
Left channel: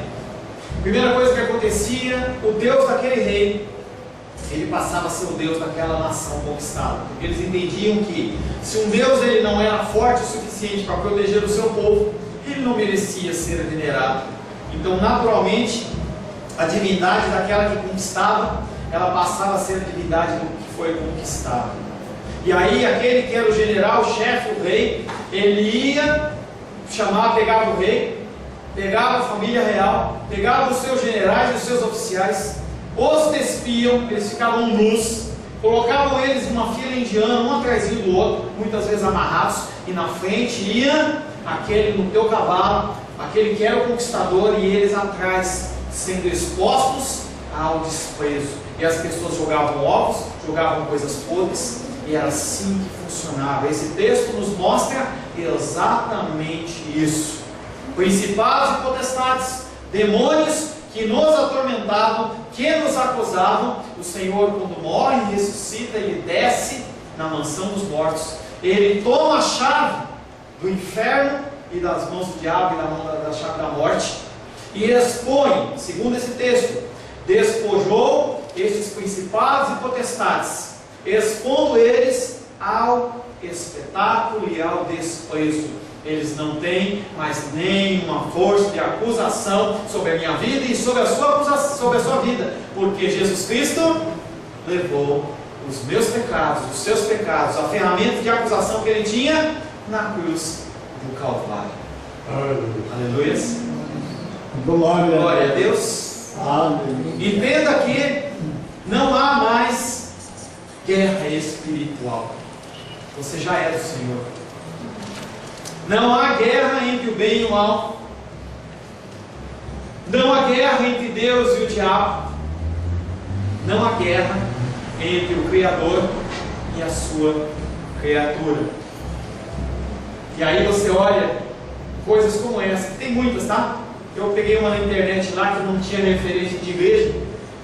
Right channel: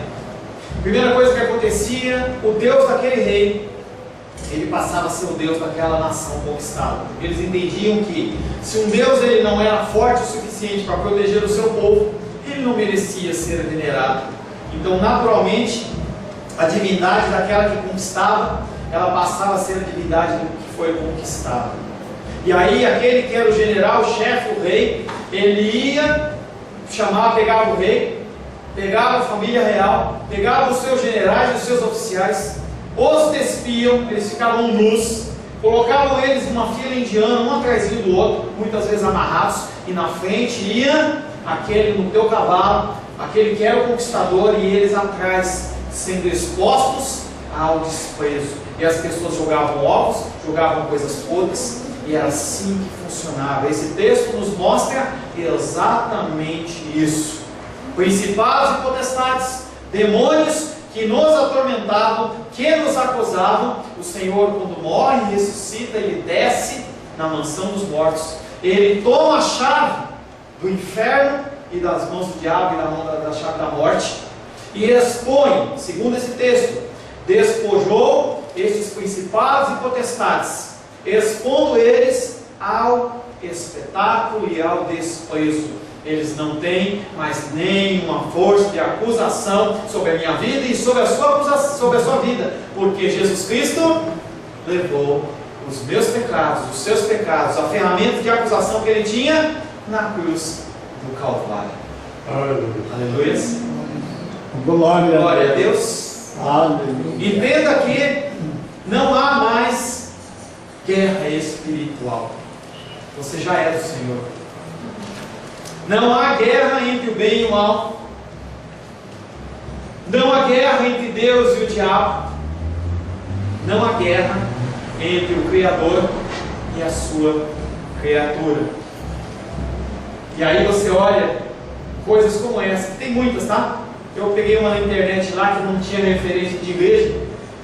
a primeira coisa que acontecia, o Deus daquele rei, ele passava a ser o Deus daquela nação conquistada, porque eles entendiam que se um Deus ele não era forte o suficiente para proteger o seu povo, ele não merecia ser venerado. Então, naturalmente, a divindade daquela que conquistava, ela passava a ser a divindade do que foi conquistado. E aí, aquele que era o general, o chefe, o rei, ele ia pegava o rei, pegava a família real, pegava os seus generais, os seus oficiais, os despiam, eles ficavam nus, colocavam eles numa fila indiana, um atrás do outro, muitas vezes amarrados, e na frente ia aquele no teu cavalo, aquele que era o conquistador, e eles atrás, sendo expostos ao desprezo. E as pessoas jogavam ovos, jogavam coisas podres, e era assim que funcionava. Esse texto nos mostra exatamente isso. Principados e potestades, demônios que nos atormentavam, que nos acusavam, o Senhor, quando morre, ressuscita, ele desce na mansão dos mortos, ele toma a chave do inferno e das mãos do diabo e da mão da chave da morte, e expõe, segundo esse texto, despojou estes principados e potestades, expondo eles ao espetáculo e ao desprezo. Eles não têm mais nenhuma força de acusação sobre a minha vida e sobre a sua vida, porque Jesus Cristo levou os meus pecados, os seus pecados, a ferramenta de acusação que ele tinha na cruz do Calvário. Aleluia. Glória a Deus. Aleluia. Entenda que não há mais guerra espiritual. Você já é do Senhor. Não há guerra entre o bem e o mal. Não há guerra entre Deus e o diabo. Não há guerra entre o Criador e a sua criatura. E aí você olha coisas como essa, tem muitas, tá? Eu peguei uma na internet lá que não tinha referência de igreja.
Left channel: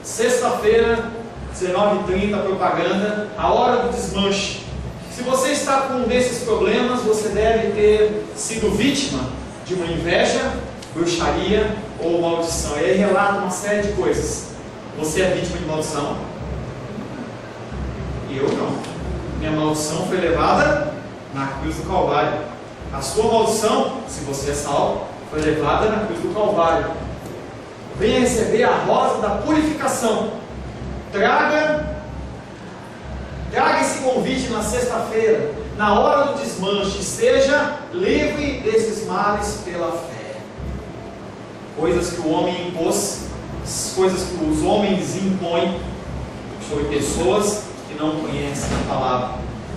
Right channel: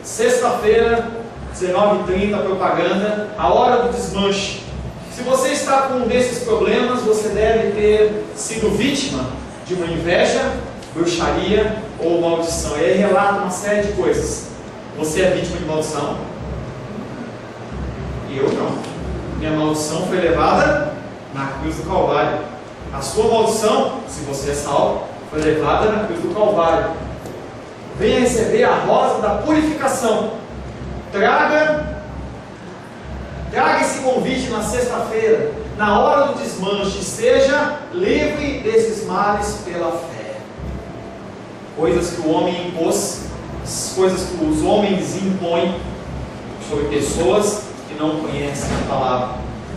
Sexta-feira, 19h30, propaganda, a hora do desmanche. Se você está com um desses problemas, você deve ter sido vítima de uma inveja, bruxaria ou maldição. E aí relata uma série de coisas. Você é vítima de maldição? Eu não. Minha maldição foi levada na cruz do Calvário. A sua maldição, se você é salvo, foi levada na cruz do Calvário. Venha receber a rosa da purificação. Traga esse convite na sexta-feira, na hora do desmanche. Seja livre desses males pela fé. Coisas que o homem impôs, coisas que os homens impõem sobre pessoas que não conhecem a palavra.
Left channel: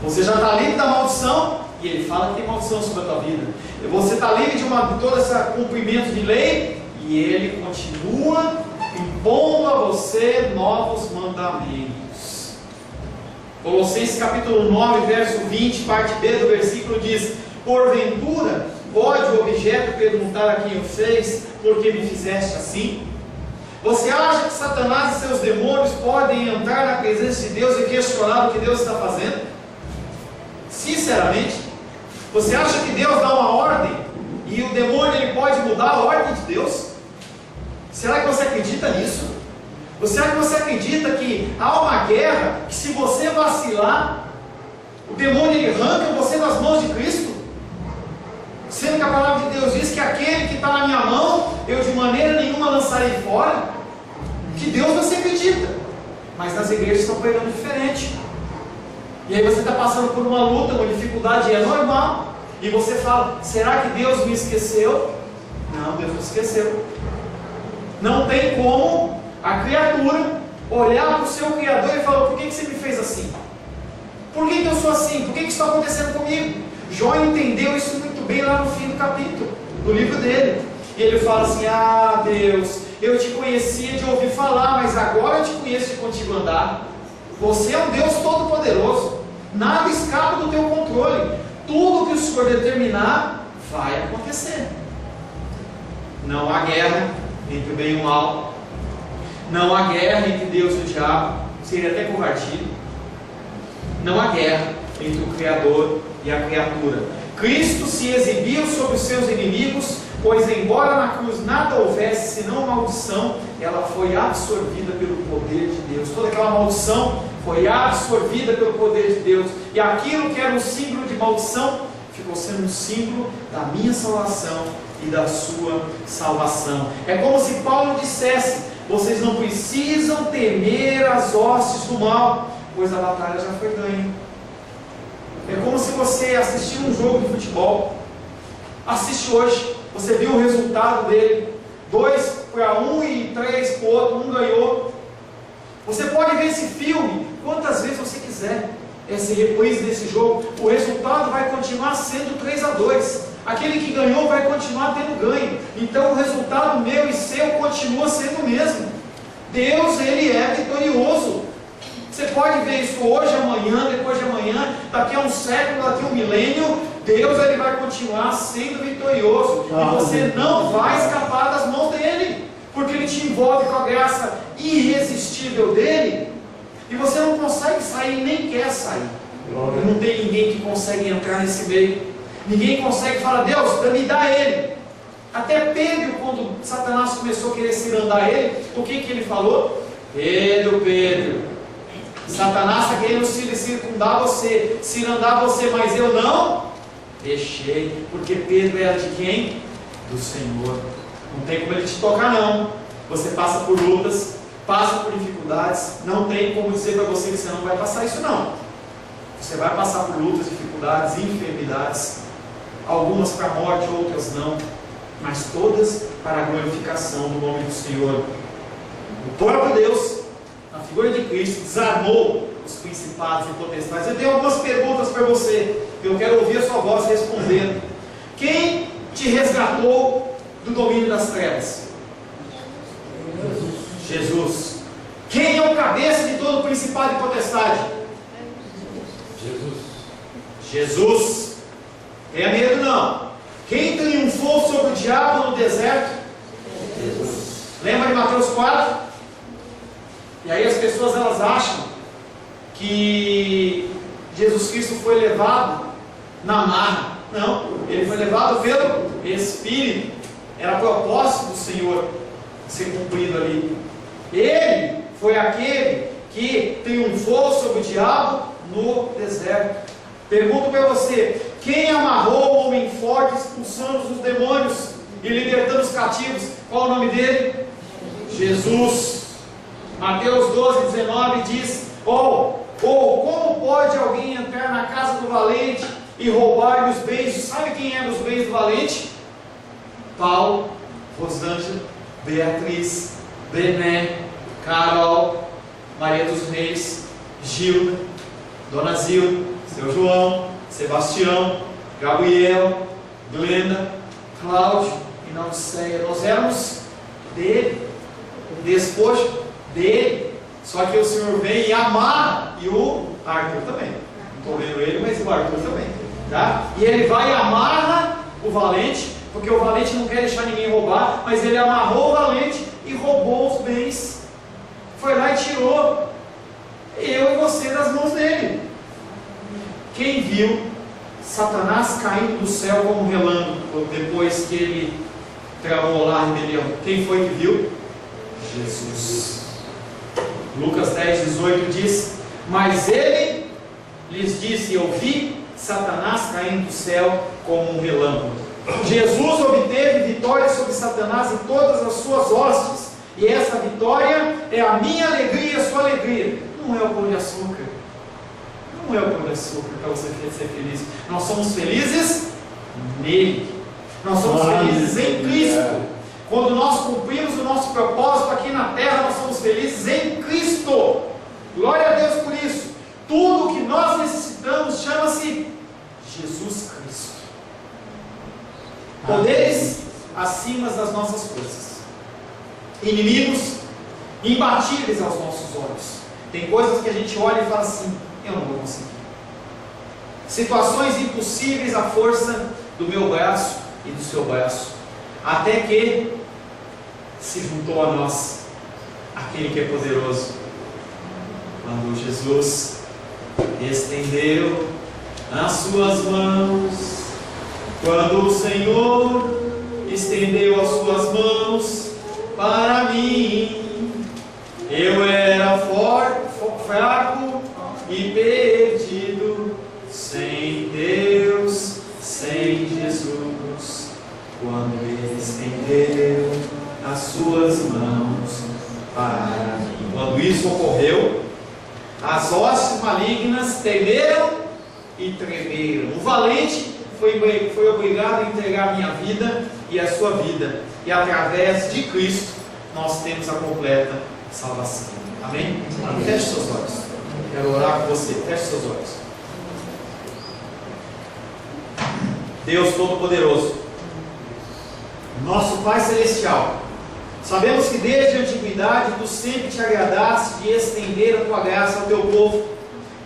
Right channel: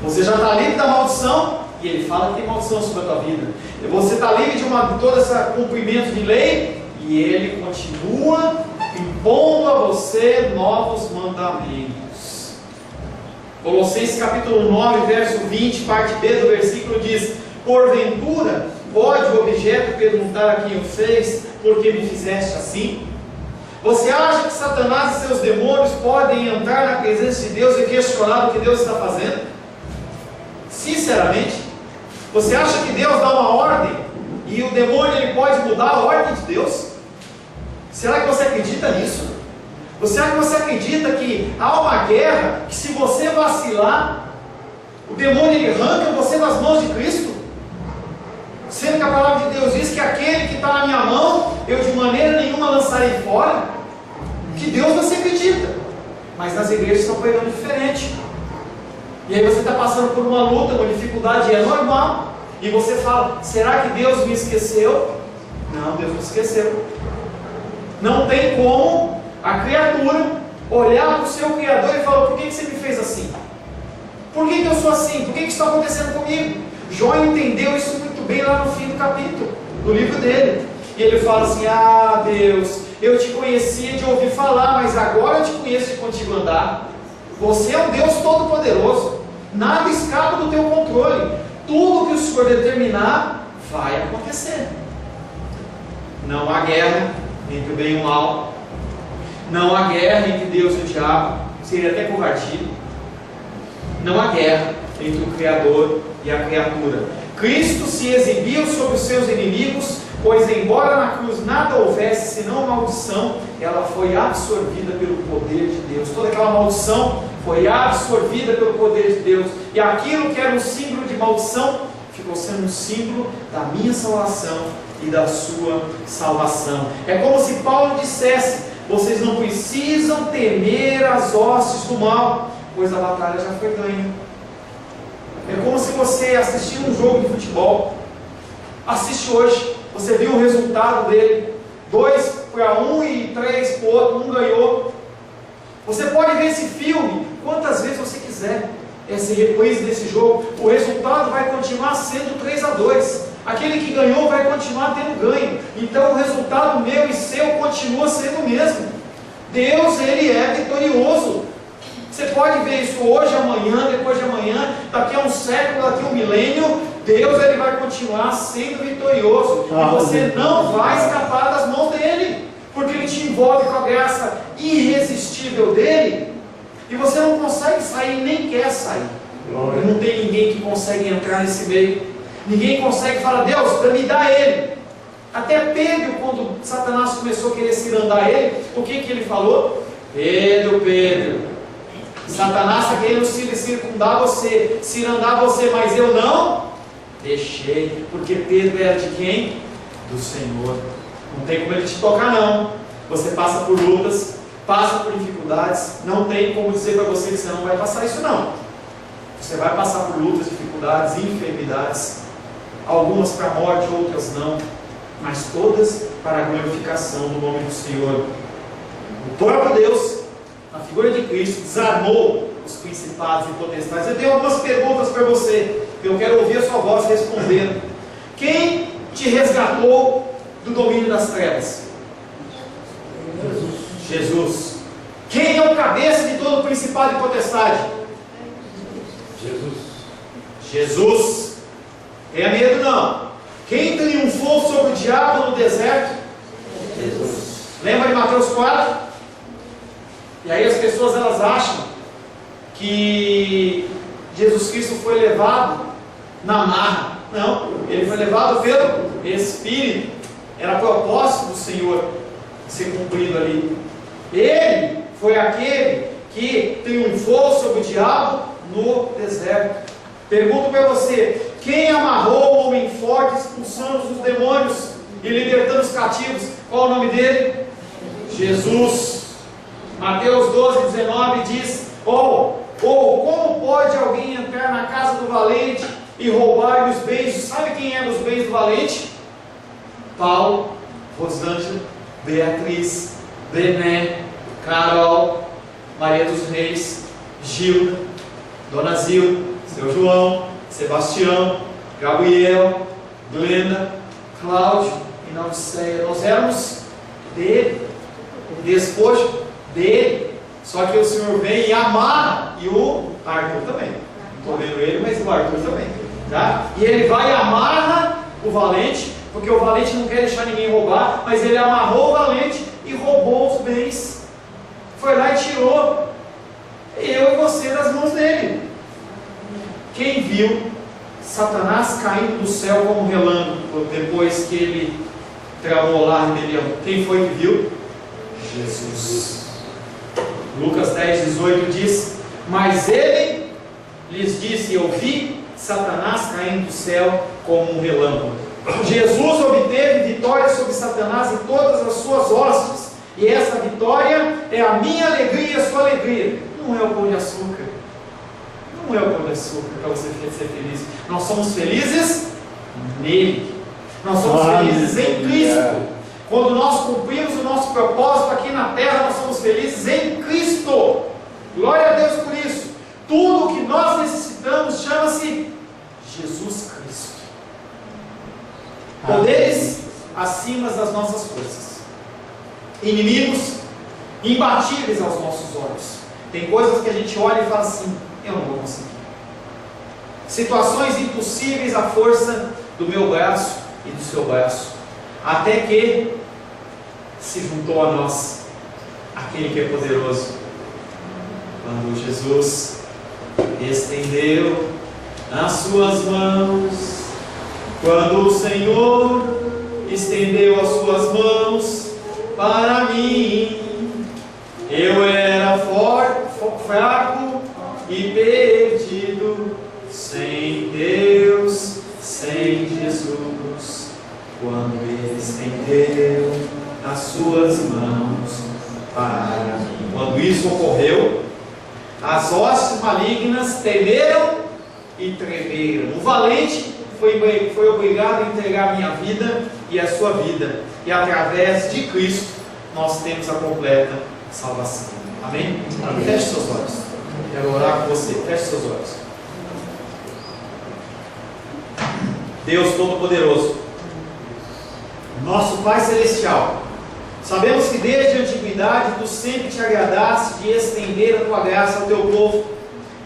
Você já está livre da maldição, e ele fala que tem maldição sobre a tua vida. Você está livre de todo esse cumprimento de lei, e ele continua impondo a você novos mandamentos. Colossenses capítulo 9, verso 20, parte B do versículo diz: porventura pode o objeto perguntar a quem o fez, por que me fizeste assim? Você acha que Satanás e seus demônios podem entrar na presença de Deus e questionar o que Deus está fazendo? Sinceramente, você acha que Deus dá uma ordem e o demônio ele pode mudar a ordem de Deus? Será que você acredita nisso? Será que você acredita que há uma guerra que, se você vacilar, o demônio ele arranca você das mãos de Cristo? Sendo que a palavra de Deus diz que aquele que está na minha mão, eu de maneira nenhuma lançarei fora. Que Deus você acredita, mas nas igrejas estão pregando diferente. E aí você está passando por uma luta, uma dificuldade, e é normal. E você fala: será que Deus me esqueceu? Não, Deus não esqueceu. Não tem como a criatura olhar para o seu Criador e falar: por que você me fez assim? Por que eu sou assim? Por que isso está acontecendo comigo? Jó entendeu isso muito bem lá no fim do capítulo, do livro dele. E ele fala assim: ah, Deus, eu te conhecia de ouvir falar, mas agora eu te conheço de contigo andar. Você é um Deus todo-poderoso, nada escapa do teu controle. Tudo que o Senhor determinar vai acontecer. Não há guerra entre o bem e o mal. Não há guerra entre Deus e o diabo. Seria até covardia. Não há guerra entre o Criador e a criatura. Cristo se exibiu sobre os seus inimigos, pois embora na cruz nada houvesse senão maldição, ela foi absorvida pelo poder de Deus. Toda aquela maldição foi absorvida pelo poder de Deus. E aquilo que era um símbolo de maldição ficou sendo um símbolo da minha salvação e da sua salvação. É como se Paulo dissesse: vocês não precisam temer as hostes do mal, pois a batalha já foi ganha. É como se você assistir um jogo de futebol. Assiste hoje, você viu o resultado dele: 2 para um e 3 para o outro, um ganhou. Você pode ver esse filme quantas vezes você quiser, esse reprise desse jogo, o resultado vai continuar sendo 3-2. Aquele que ganhou vai continuar tendo ganho. Então o resultado meu e seu continua sendo o mesmo. Deus, ele é vitorioso. Você pode ver isso hoje, amanhã, depois de amanhã, daqui a um século, daqui a um milênio. Deus, ele vai continuar sendo vitorioso. E você não vai escapar das mãos dele, porque ele te envolve com a graça irresistível dele, e você não consegue sair, nem quer sair. E não tem ninguém que consegue entrar nesse meio. Ninguém consegue falar: Deus, me dá ele. Até Pedro, quando Satanás começou a querer cirandar ele, o que ele falou? Pedro, Satanás está querendo circundar você, cirandar você, mas eu não deixei, porque Pedro era de quem? Do Senhor. Não tem como ele te tocar, não. Você passa por lutas, passa por dificuldades, não tem como dizer para você que você não vai passar isso, não. Você vai passar por lutas, dificuldades, enfermidades, algumas para a morte, outras não, mas todas para a glorificação do nome do Senhor. O próprio Deus, na figura de Cristo, desarmou os principados e potestades. Eu tenho algumas perguntas para você, eu quero ouvir a sua voz respondendo. Quem te resgatou do domínio das trevas? Jesus. Quem é o cabeça de todo principado e potestade? Jesus. Tenha medo não. Quem triunfou sobre o diabo no deserto? Jesus. Lembra de Mateus 4? E aí as pessoas elas acham que Jesus Cristo foi levado na marra. Não, ele foi levado pelo Espírito. Era propósito do Senhor ser cumprido ali. Ele foi aquele que triunfou sobre o diabo no deserto. Pergunto para você: quem amarrou o homem forte, expulsando os demônios e libertando os cativos? Qual o nome dele? Jesus. Mateus 12:19 diz: como pode alguém entrar na casa do valente e roubar-lhe os bens? Sabe quem é os bens do valente? Paulo, Rosângela, Beatriz, Bené, Carol, Maria dos Reis, Gilda, Dona Zilda, seu João, Sebastião, Gabriel, Glenda, Cláudio e Naudiceia. Nós éramos dele, o despojo dele. Só que o Senhor vem e amarra, e o Arthur também. Não estou vendo ele, mas o Arthur também. Tá? E ele vai e amarra o valente, porque o valente não quer deixar ninguém roubar, mas ele amarrou o valente e roubou os bens. Foi lá e tirou eu e você das mãos dele. Quem viu Satanás caindo do céu como um relâmpago depois que ele tramou lá a rebelião? Quem foi que viu? Jesus. Lucas 10:18 diz: mas ele lhes disse: eu vi Satanás caindo do céu como um relâmpago. Jesus obteve vitória sobre Satanás e todas as suas hostes, e essa vitória é a minha alegria e a sua alegria. Não é o pão de açúcar, não é o pão de açúcar para você ser feliz. Nós somos felizes nele, nós somos felizes em Cristo. Quando nós cumprimos o nosso propósito aqui na terra, nós somos felizes em Cristo. Glória a Deus por isso. Tudo o que nós necessitamos chama-se Jesus Cristo. Poderes acima das nossas forças, inimigos imbatíveis aos nossos olhos. Tem coisas que a gente olha e fala assim: eu não vou conseguir. Situações impossíveis à força do meu braço e do seu braço. Até que se juntou a nós aquele que é poderoso. Quando Jesus estendeu as suas mãos, quando o Senhor estendeu as suas mãos para mim, eu era fraco e perdido, sem Deus, sem Jesus. Quando Ele estendeu as suas mãos para mim. Quando isso ocorreu, as hostes malignas temeram e tremeram. O valente foi obrigado a entregar a minha vida e a sua vida, e através de Cristo nós temos a completa salvação. Amém? Feche seus olhos. Quero orar com você. Feche seus olhos. Deus Todo-Poderoso, nosso Pai Celestial, sabemos que desde a antiguidade Tu sempre te agradaste de estender a Tua graça ao Teu povo,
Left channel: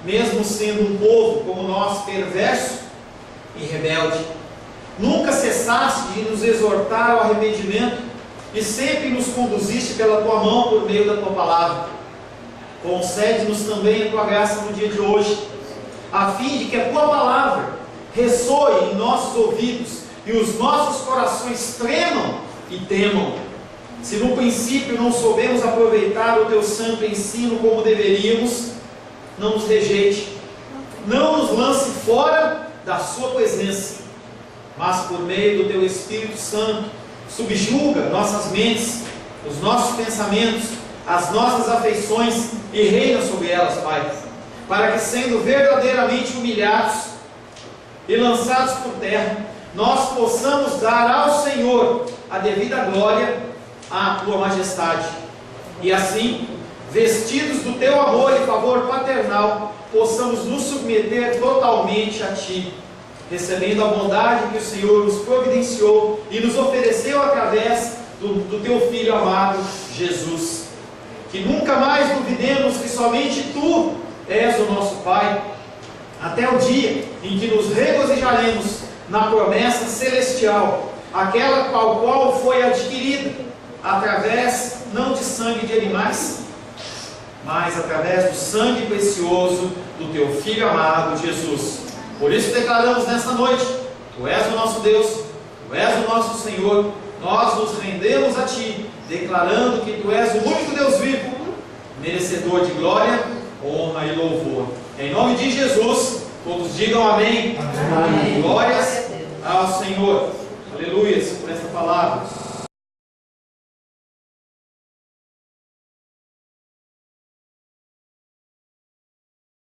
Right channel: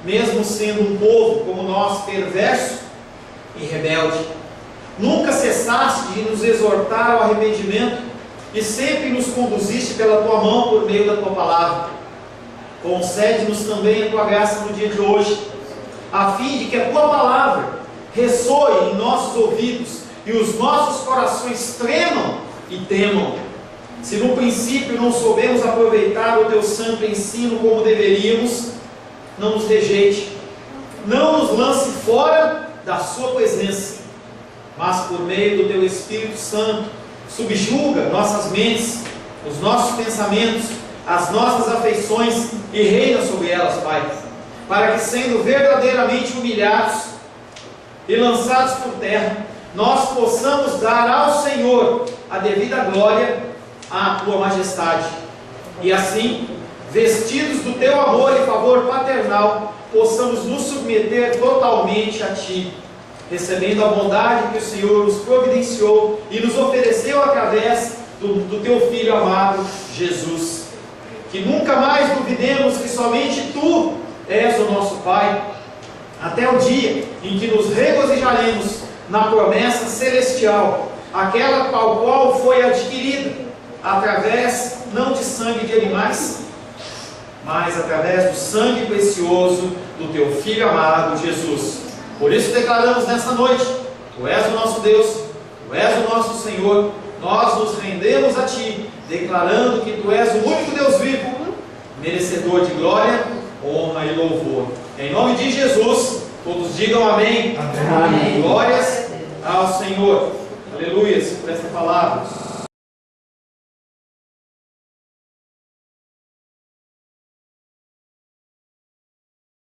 mesmo sendo um povo como nós, perverso e rebelde. Nunca cessaste de nos exortar ao arrependimento e sempre nos conduziste pela Tua mão por meio da Tua palavra. Concede-nos também a Tua graça no dia de hoje, a fim de que a Tua palavra ressoe em nossos ouvidos e os nossos corações tremam e temam. Se no princípio não soubemos aproveitar o Teu santo ensino como deveríamos, não nos rejeite, não nos lance fora da sua presença, mas por meio do teu Espírito Santo, subjuga nossas mentes, os nossos pensamentos, as nossas afeições e reina sobre elas, Pai, para que, sendo verdadeiramente humilhados e lançados por terra, nós possamos dar ao Senhor a devida glória à tua majestade, e assim, vestidos do teu amor e favor paternal, possamos nos submeter totalmente a ti, recebendo a bondade que o Senhor nos providenciou e nos ofereceu através do teu Filho amado, Jesus. Que nunca mais duvidemos que somente tu és o nosso Pai, até o dia em que nos regozijaremos na promessa celestial, aquela qual foi adquirida através não de sangue de animais, mas através do sangue precioso do teu Filho amado, Jesus. Por isso declaramos nessa noite: tu és o nosso Deus, tu és o nosso Senhor. Nós nos rendemos a ti, declarando que tu és o único Deus vivo, merecedor de glória, honra e louvor. Em nome de Jesus, todos digam amém. Amém. Glórias ao Senhor. Aleluia por esta palavra.